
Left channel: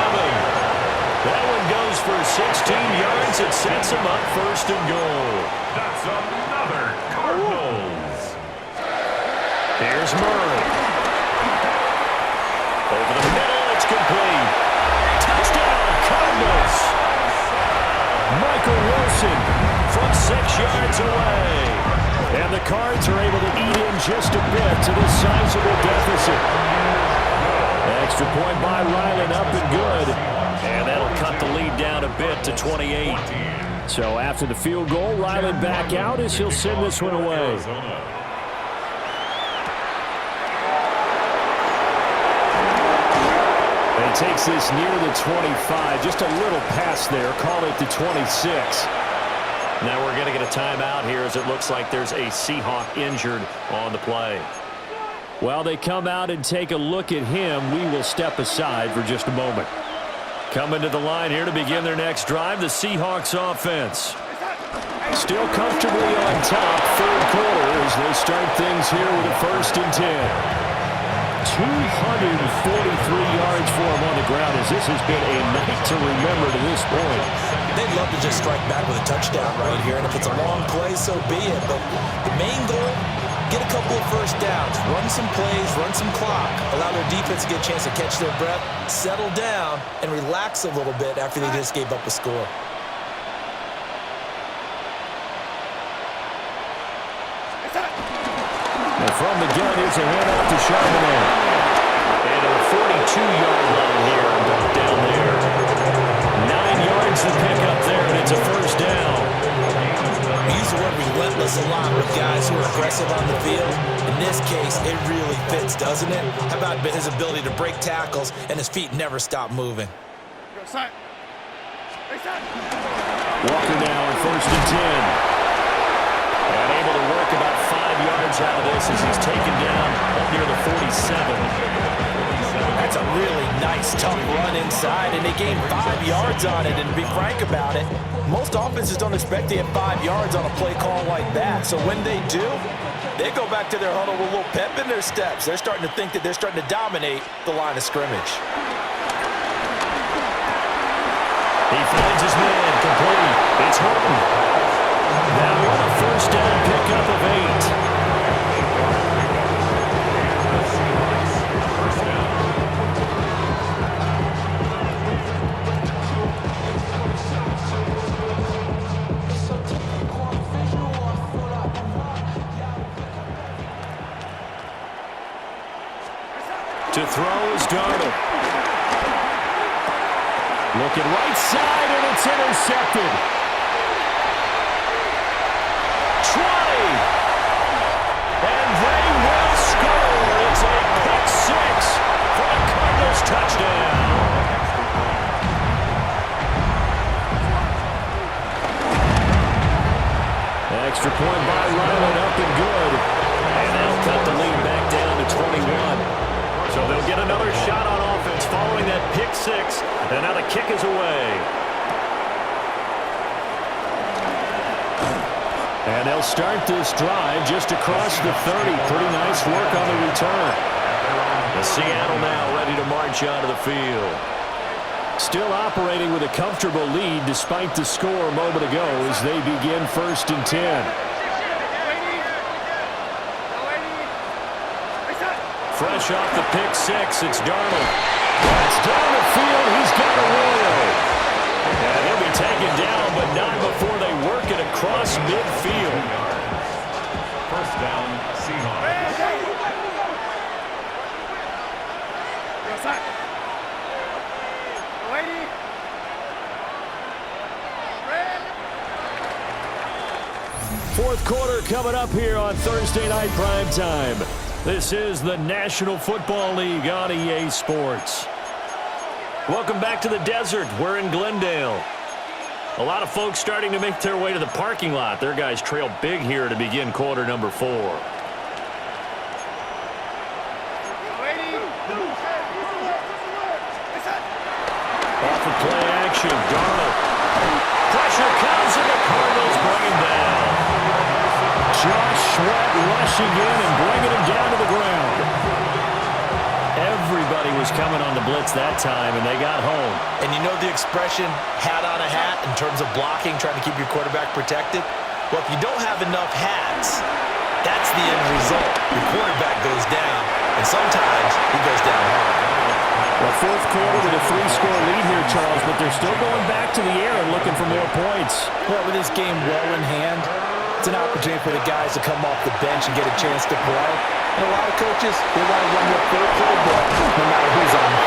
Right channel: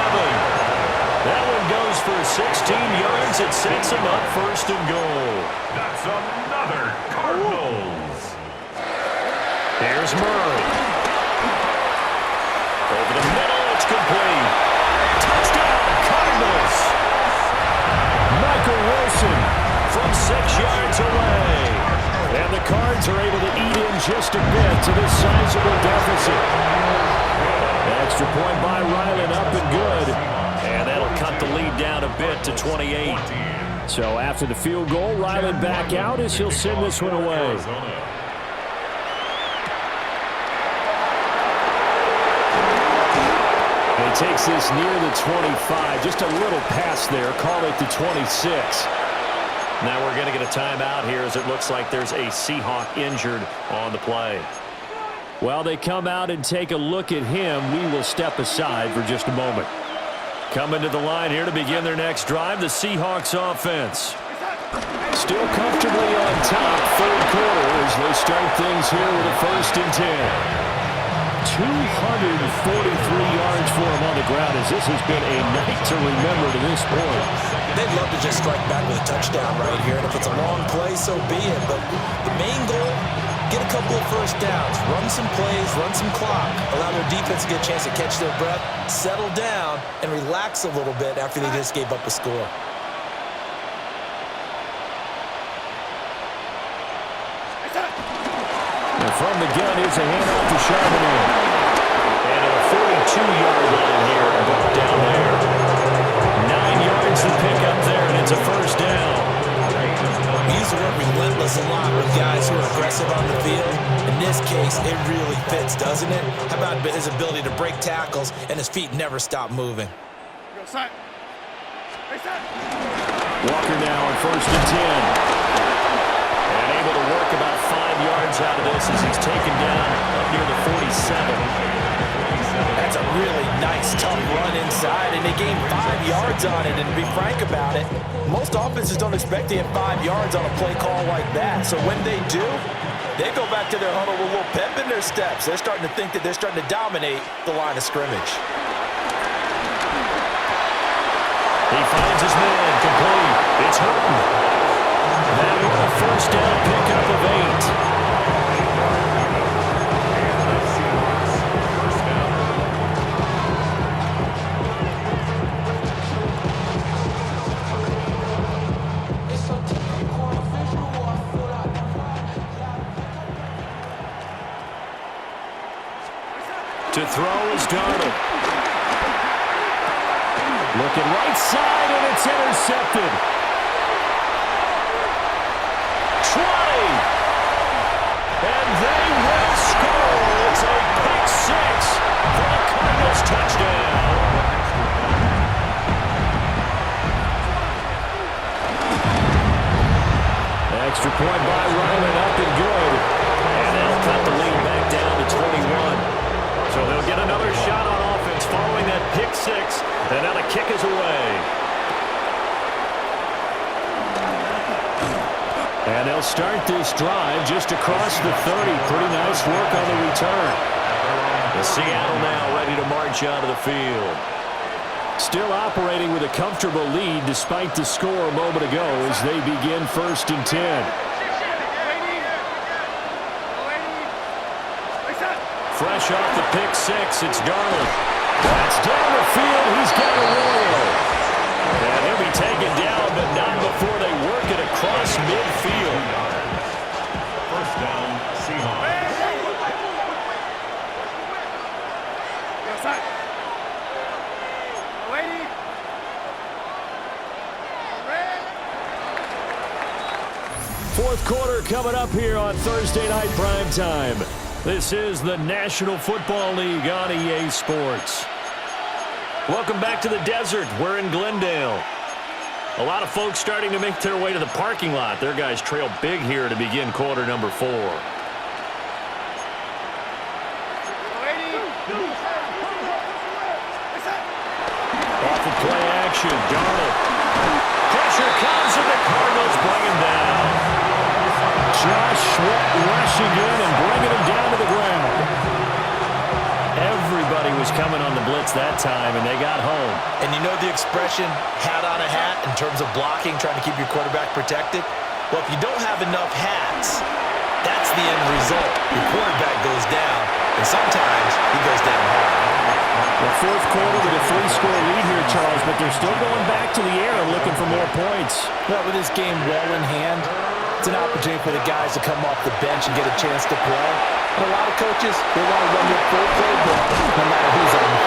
That one goes for 16 yards. It sets him up 1st and goal. That's another Cardinals. Here's Murray. Over the middle, it's complete. Touchdown, Cardinals. Michael Wilson from 6 yards away. And the Cards are able to eat in just a bit to this sizable deficit. Extra point by Ryland, up and good. And that'll cut the lead down a bit to 28. So after the field goal, Ryland back out as he'll send this one away. And he takes this near the 25. Just a little pass there. Call it the 26. Now we're going to get a timeout here as it looks like there's a Seahawk injured on the play. While they come out and take a look at him, we will step aside for just a moment. Coming to the line here to begin their next drive, the Seahawks offense. Still comfortably on top, third quarter, as they start things here with a 1st and 10. 243 yards for him on the ground, as this has been a night to remember to this point. They'd love to just strike back with a touchdown right here, and if it's a long play, so be it. But the main goal, get a couple of first downs, run some plays, run some clock, allow their defense to get a chance to catch their breath, settle down, and relax a little bit after they just gave up a score. And from the gun, here's a handoff to Charbonnet. And to the 42-yard line here, and brought down there. 9 yards to pick up there, and it's a first down. We use the word relentless a lot with guys who are aggressive on the field. In this case, it really fits, doesn't it? How about his ability to break tackles and his feet never stop moving? Walker now on 1st and 10. And able to work about 5 yards out of this as he's taken down up near the 47. That's a really nice, tough run inside, and they gained 5 yards on it. And to be frank about it, most offenses don't expect to get 5 yards on a play call like that. So when they do, they go back to their huddle with a little pep in their steps. They're starting to think that they're starting to dominate the line of scrimmage. He finds his man, complete. It's Horton. That one a first down pickup of 8. And the Seahawks, first down. To throw is Darnold. Looking right side, and it's intercepted. 20. And they will score. It's a pick 6 for the Cardinals touchdown. Extra point by Ryland, up and good. And that'll cut the lead back down to 21. So they'll get another shot on offense following that pick 6. And now the kick is away. And they'll start this drive just across the 30. Pretty nice work on the return. The Seattle now ready to march out of the field. Still operating with a comfortable lead despite the score a moment ago as they begin 1st and 10. Fresh off the pick 6, it's Darnold. That's down the field. He's got Arroyo. And he'll be taken down, but not before they work it across midfield. First down, Seahawks. Fourth quarter coming up here on Thursday Night Prime Time. This is the National Football League on EA Sports. Welcome back to the desert. We're in Glendale. A lot of folks starting to make their way to the parking lot. Their guys trail big here to begin quarter number 4. Off of play action, Darnold. Pressure comes and the Cardinals bring him down. Josh Sweat rushing in and bringing him down to the ground. Everybody was coming on the blitz that time, and they got home. And you know the expression, hat on a hat, in terms of blocking, trying to keep your quarterback protected? Well, if you don't have enough hats, that's the end result. Your quarterback goes down, and sometimes he goes down hard. Well, fourth quarter with a 3-score lead here, Charles, but they're still going back to the air and looking for more points. Well, with this game well in hand, it's an opportunity for the guys to come off the bench and get a chance to play. And a lot of coaches, they want to run their full playbook no matter who's on the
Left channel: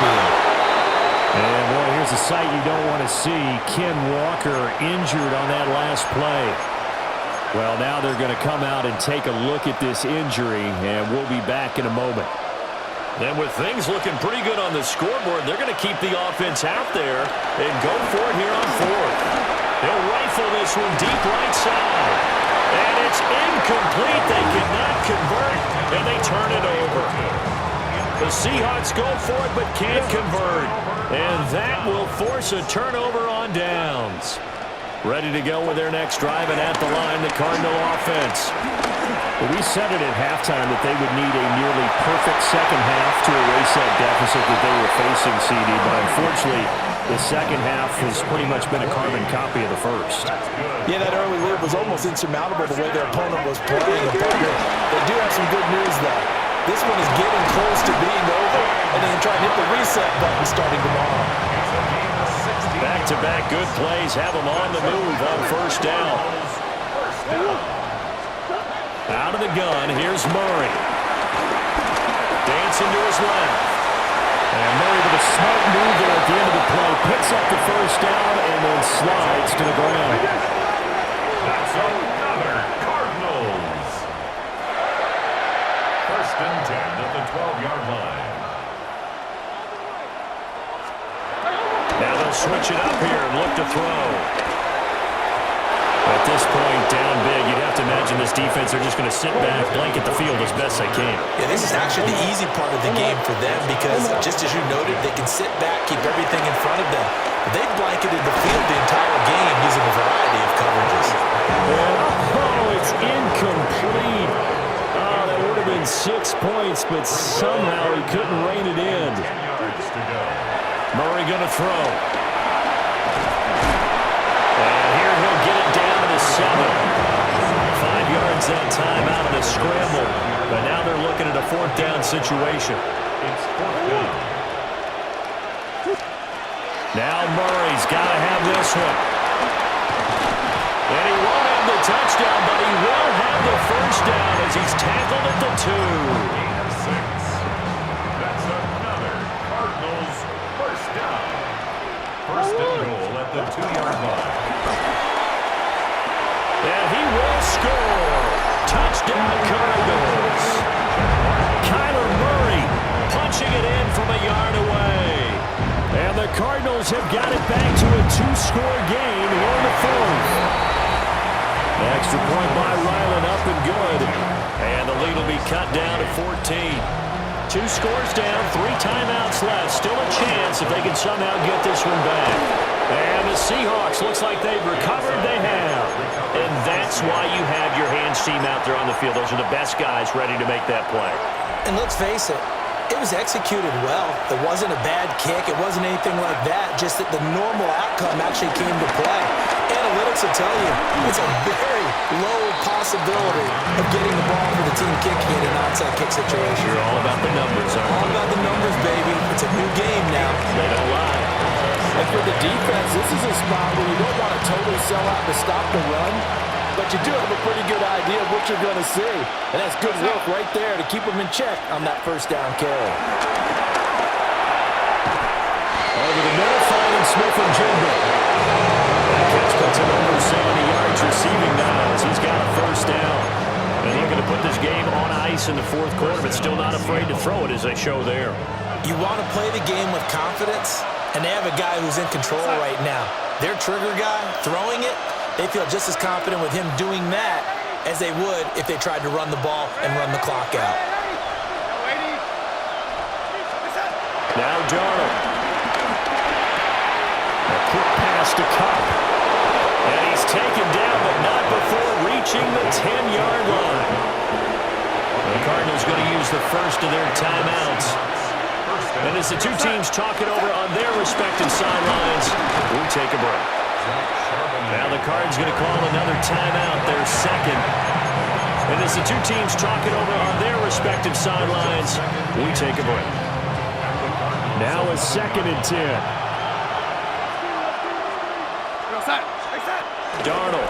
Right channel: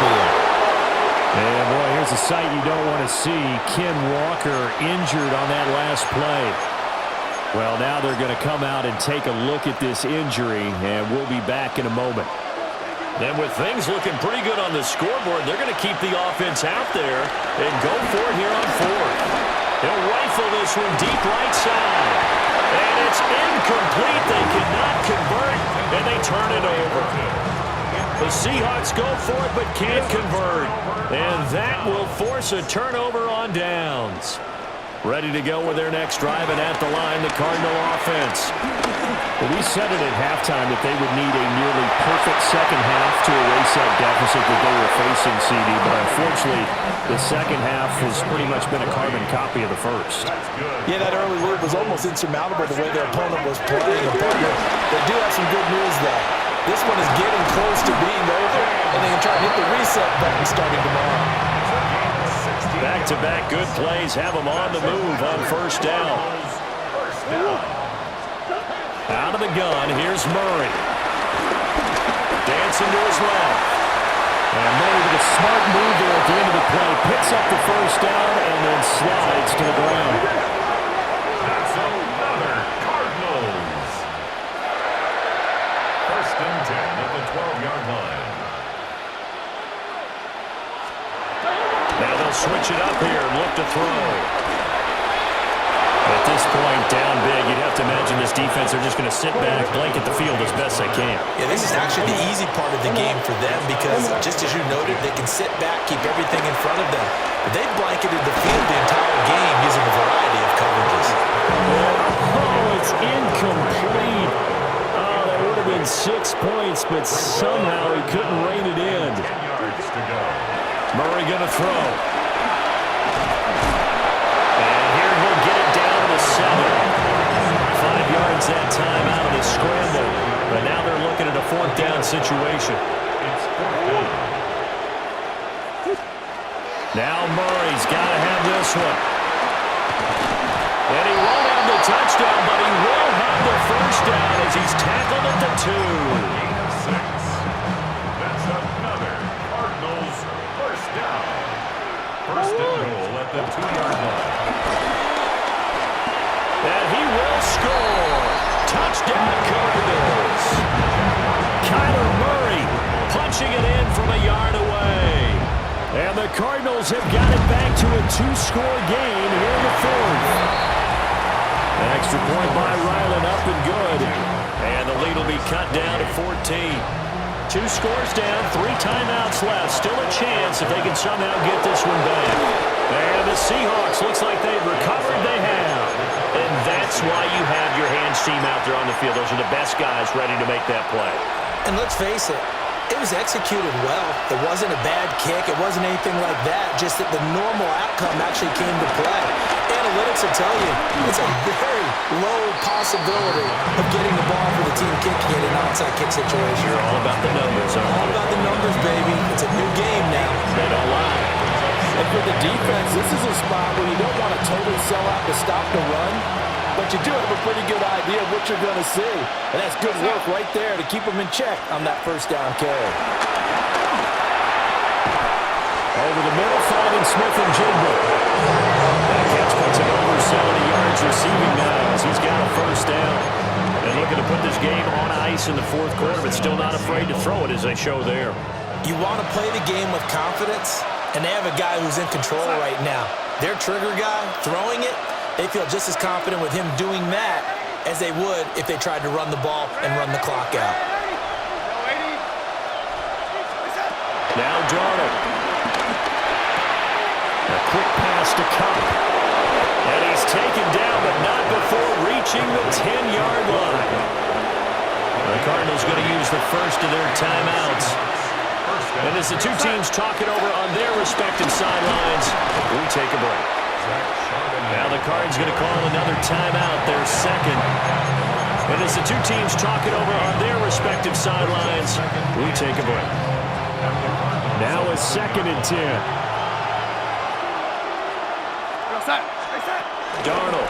is a sight you don't want to see. Ken Walker injured on that last play. Well, now they're going to come out and take a look at this injury, and we'll be back in a moment. And with things looking pretty good on the scoreboard, they're going to keep the offense out there and go for it here on fourth. He'll rifle this one deep right side. And it's incomplete. They cannot convert, and they turn it over. The Seahawks go for it but can't convert. And that will force a turnover on downs. Ready to go with their next drive, and at the line, the Cardinal offense. Well, we said it at halftime that they would need a nearly perfect second half to erase that deficit that they were facing, CD. But unfortunately, the second half has pretty much been a carbon copy of the first. Yeah, that early lead was almost insurmountable the way their opponent was playing. And partner, they do have some good news, though. This one is getting close to being over, and they can try and hit the reset button starting tomorrow. Back-to-back good plays have them on the move on first down. Out of the gun, here's Murray. Dancing to his left. And Murray with a smart move there at the end of the play. Picks up the first down and then slides to the ground. That's another Cardinals. First and 10 at the 12-yard line. Now they'll switch it up here and look to throw. At this point, down big, you'd have to imagine this defense, they're just going to sit back, blanket the field as best they can. Yeah, this is actually the easy part of the game for them because, just as you noted, they can sit back, keep everything in front of them. But they've blanketed the field the entire game using a variety of coverages. Oh, it's incomplete. Oh, that would have been 6 points, but somehow he couldn't rein it in. 10 yards to go. Murray going to throw. And here he'll get it down to the 7. 5 yards that time out of the scramble. But now they're looking at a fourth down situation. It's fourth down. Now Murray's got to have this one. And he won't have the touchdown, but he will have the first down as he's tackled at the 2. Gain of 6. That's another Cardinals first down. First and goal at the 2-yard line. And he will score. Touchdown Cardinals. Kyler Murray punching it in from a yard away. And the Cardinals have got it back to a 2-score game here in the fourth. Extra point by Ryland, up and good. And the lead will be cut down to 14. 2 scores down, 3 timeouts left. Still a chance if they can somehow get this one back. And the Seahawks, looks like they've recovered. They have. And that's why you have your hands team out there on the field. Those are the best guys ready to make that play. And let's face it, it was executed well. It wasn't a bad kick. It wasn't anything like that. Just that the normal outcome actually came to play. Analytics will tell you it's a very low possibility of getting the ball for the team kicking in an onside kick situation. You're all about the numbers, aren't you? All about the numbers, baby. It's a new game now. They don't lie. And for the defense, this is a spot where you don't want to totally sell out to stop the run, but you do have a pretty good idea of what you're going to see. And that's good work right there to keep them in check on that first down carry. Over the middle, finding Smith and Jigba. That catch puts him over 70 yards receiving now as he's got a first down. And looking to put this game on ice in the fourth quarter, but still not afraid to throw it as they show there. You want to play the game with confidence, and they have a guy who's in control right now. Their trigger guy, throwing it, they feel just as confident with him doing that as they would if they tried to run the ball and run the clock out. Now Darnold. A quick pass to Cup. And he's taken down, but not before reaching the 10-yard line. The Cardinals going to use the first of their timeouts. And as the two teams talk it over on their respective sidelines, we take a break. Now the Cards going to call another timeout, their second. And as the two teams talk it over on their respective sidelines, we take a break. Now a 2nd and 10. Darnold.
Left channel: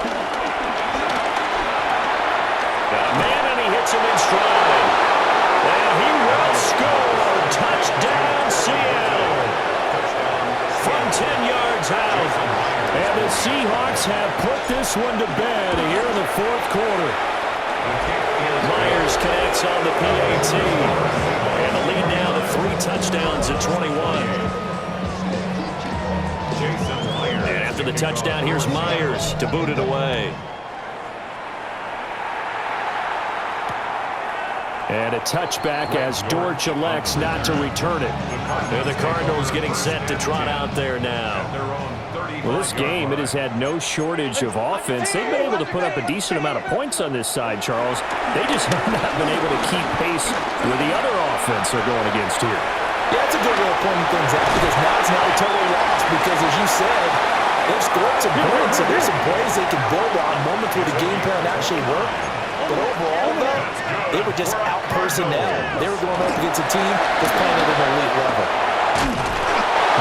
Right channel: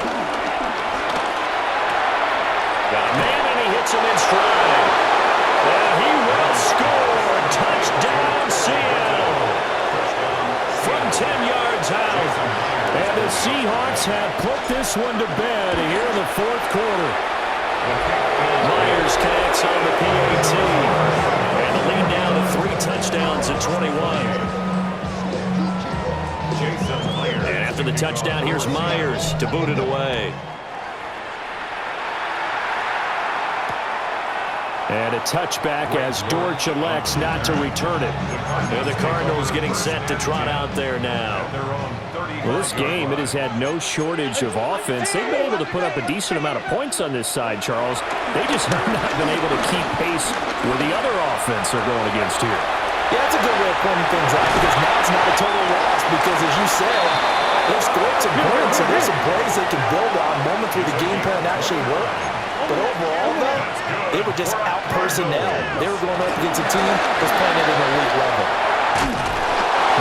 Got a man and he hits him in stride. And he will score. Touchdown Seattle. From 10 And the Seahawks have put this one to bed here in the fourth quarter. Myers connects on the PAT. And the lead now to 3 touchdowns at 21. And after the touchdown, here's Myers to boot it away. And a touchback as Dortch elects not to return it. And the Cardinals getting set to trot out there now. Well, this game, it has had no shortage of offense. They've been able to put up a decent amount of points on this side, Charles. They just have not been able to keep pace with the other offense they're going against here. Yeah, that's a good way of pointing things out because now it's not a total loss because, as you said, they've scored some points and there's some plays they can build on, moments where the game plan actually worked. But overall, though, they were just out-personnel. They were going up against a team that's playing at an elite level.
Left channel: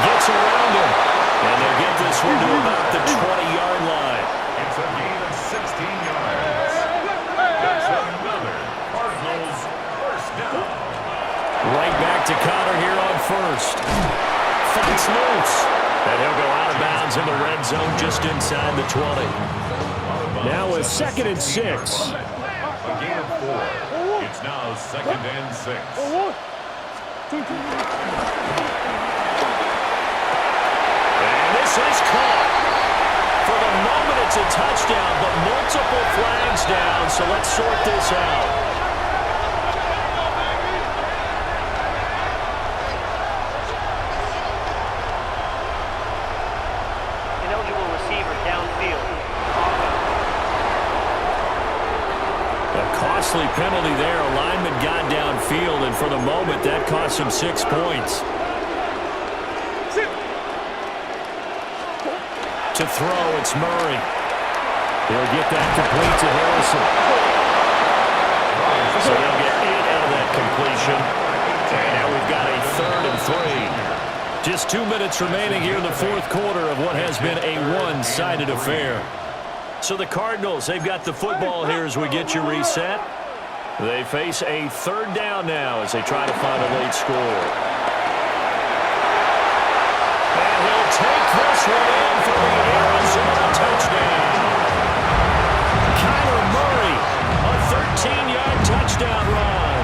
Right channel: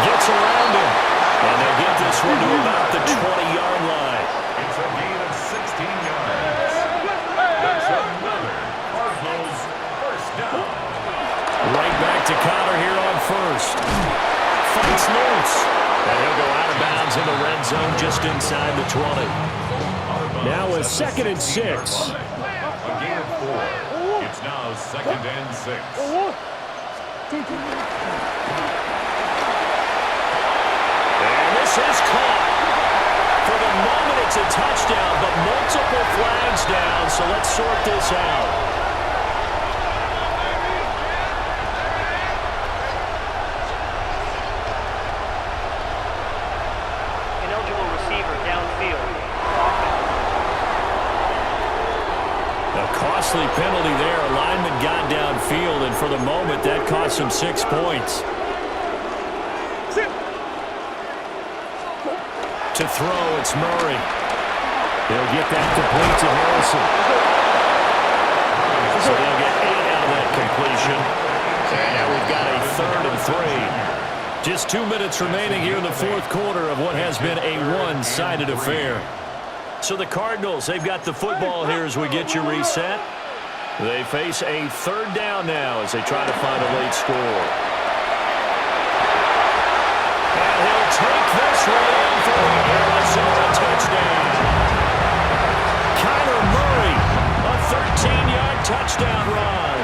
Gets around him. And they'll get this one to about the 20-yard line. It's a gain of 16 yards. That's another Cardinals first down. Right back to Connor here on first. Fights loose. And he'll go out of bounds in the red zone just inside the 20. Now a 2nd and 6. A gain of 4. It's now 2nd and 6. And this is caught. For the moment, it's a touchdown, but multiple flags down, so let's sort this out. Ineligible receiver downfield. A costly penalty there. A lineman got downfield, and for the moment, that cost him 6 points. To throw, it's Murray. He'll get that complete to Harrison. So they'll get 8 out of that completion. And now we've got a 3rd and 3. Just 2 minutes remaining here in the fourth quarter of what has been a one-sided affair. So the Cardinals, they've got the football here as we get you reset. They face a 3rd down now as they try to find a late score. And he'll take this one in for the Arizona touchdown. Kyler Murray, a 13-yard touchdown run.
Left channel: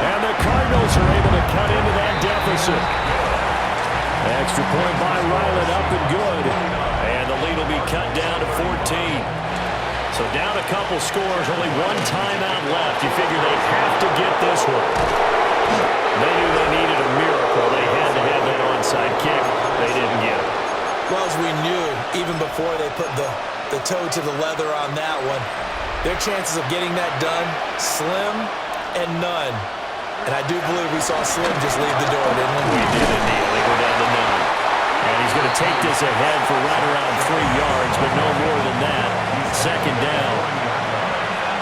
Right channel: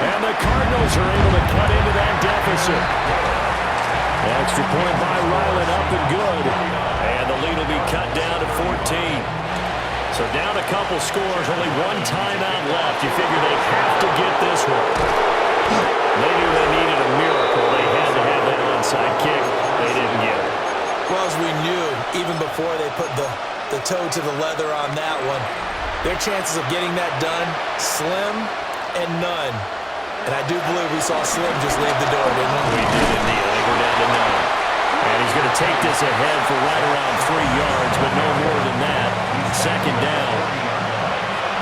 And the Cardinals are able to cut into that deficit. Extra point by Ryland, up and good. And the lead will be cut down to 14. So down a couple scores, only 1 timeout left. You figure they have to get this one. They knew they needed a miracle. They had to have that onside kick. They didn't get it. Well, as we knew, even before they put the toe to the leather on that one, their chances of getting that done, slim and none. And I do believe we saw Slim just leave the door, didn't we? We did indeed. I think we're down to none. And he's going to take this ahead for right around 3 yards, but no more than that. 2nd down.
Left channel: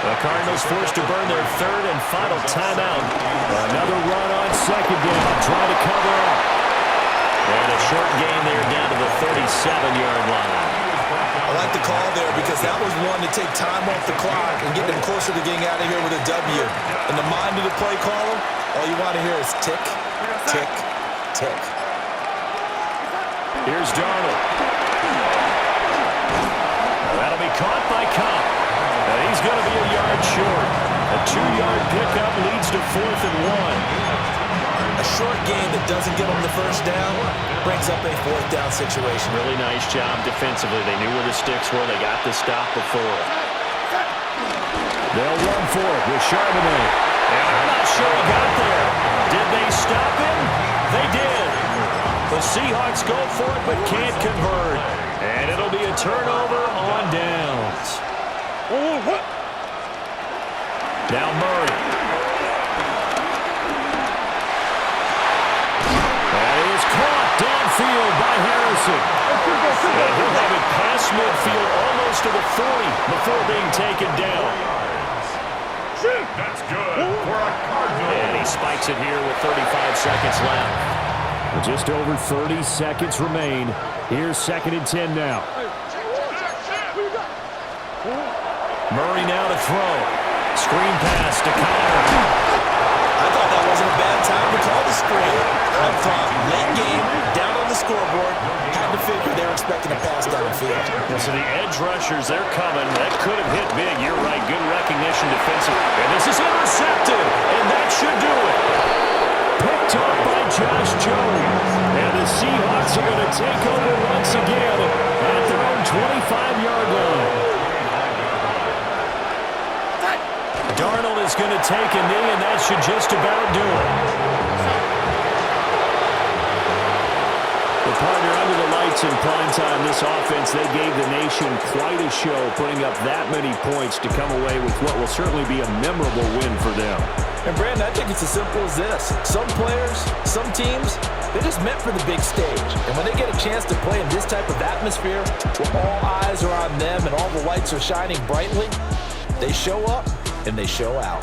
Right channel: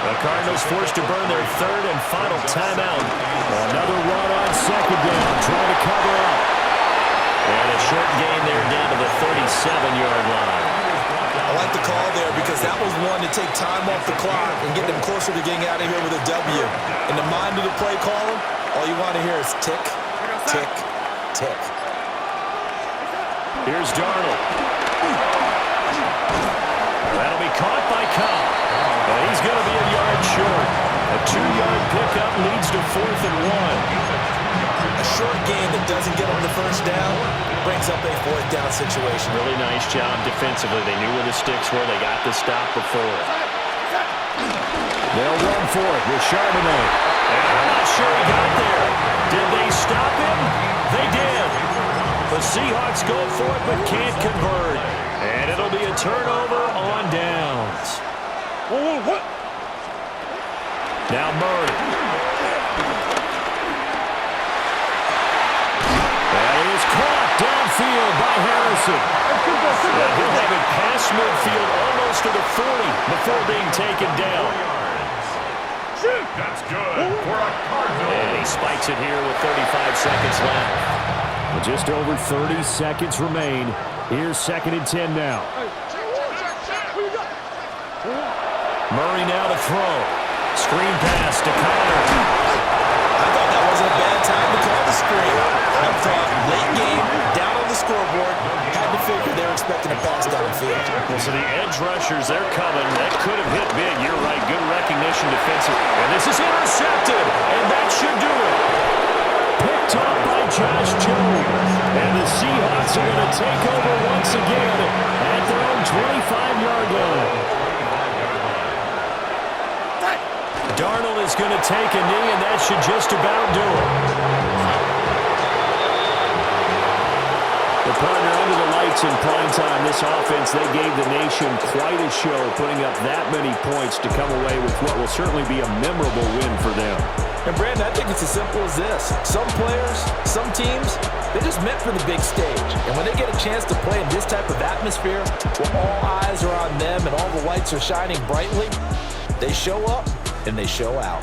The Cardinals forced to burn their 3rd and final timeout. Another run on 2nd down, trying to cover up. And a short gain there down to the 37-yard line. I like the call there because that was one to take time off the clock and get them closer to getting out of here with a W. In the mind of the play caller, all you want to hear is tick, tick, tick. Here's Darnold. That'll be caught by Cobb. And he's going to be a yard short. A 2-yard pickup leads to 4th and 1. A short gain that doesn't get them the first down brings up a 4th down situation. Really nice job defensively. They knew where the sticks were. They got the stop before it. They'll run for it with Charbonnet. And I'm not sure he got there. Did they stop him? They did. The Seahawks go for it but can't convert. And it'll be a turnover on downs. Now Murray. That is caught downfield by Harrison. And he'll have it past midfield almost to the 40 before being taken down. That's good for a Cardinal. And he spikes it here with 35 seconds left. Just over 30 seconds remain. Here's 2nd and 10 now. Murray now to throw. Screen pass to Connor. I thought that wasn't a bad time to call the screen. I thought late game, down on the the scoreboard. Had to figure they were expecting a pass downfield. Well, so the edge rushers, they're coming. That could have hit big. You're right. Good recognition defensive. And this is intercepted. And that should do it. Picked off by Josh Jones. And the Seahawks are going to take over once again at their own 25-yard line. Darnold is going to take a knee, and that should just about do it. The partner under the lights in primetime, this offense, they gave the nation quite a show, putting up that many points to come away with what will certainly be a memorable win for them. And Brandon, I think it's as simple as this. Some players, some teams, they're just meant for the big stage. And when they get a chance to play in this type of atmosphere, where all eyes are on them and all the lights are shining brightly, they show up and they show out.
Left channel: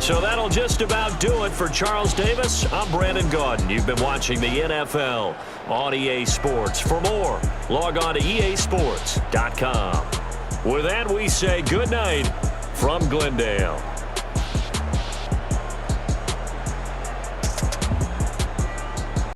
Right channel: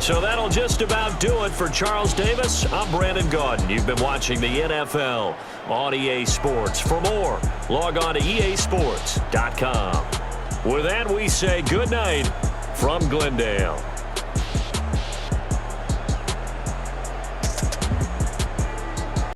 So that'll just about do it for Charles Davis. I'm Brandon Gaudin. You've been watching the NFL on EA Sports. For more, log on to easports.com. With that, we say good night from Glendale.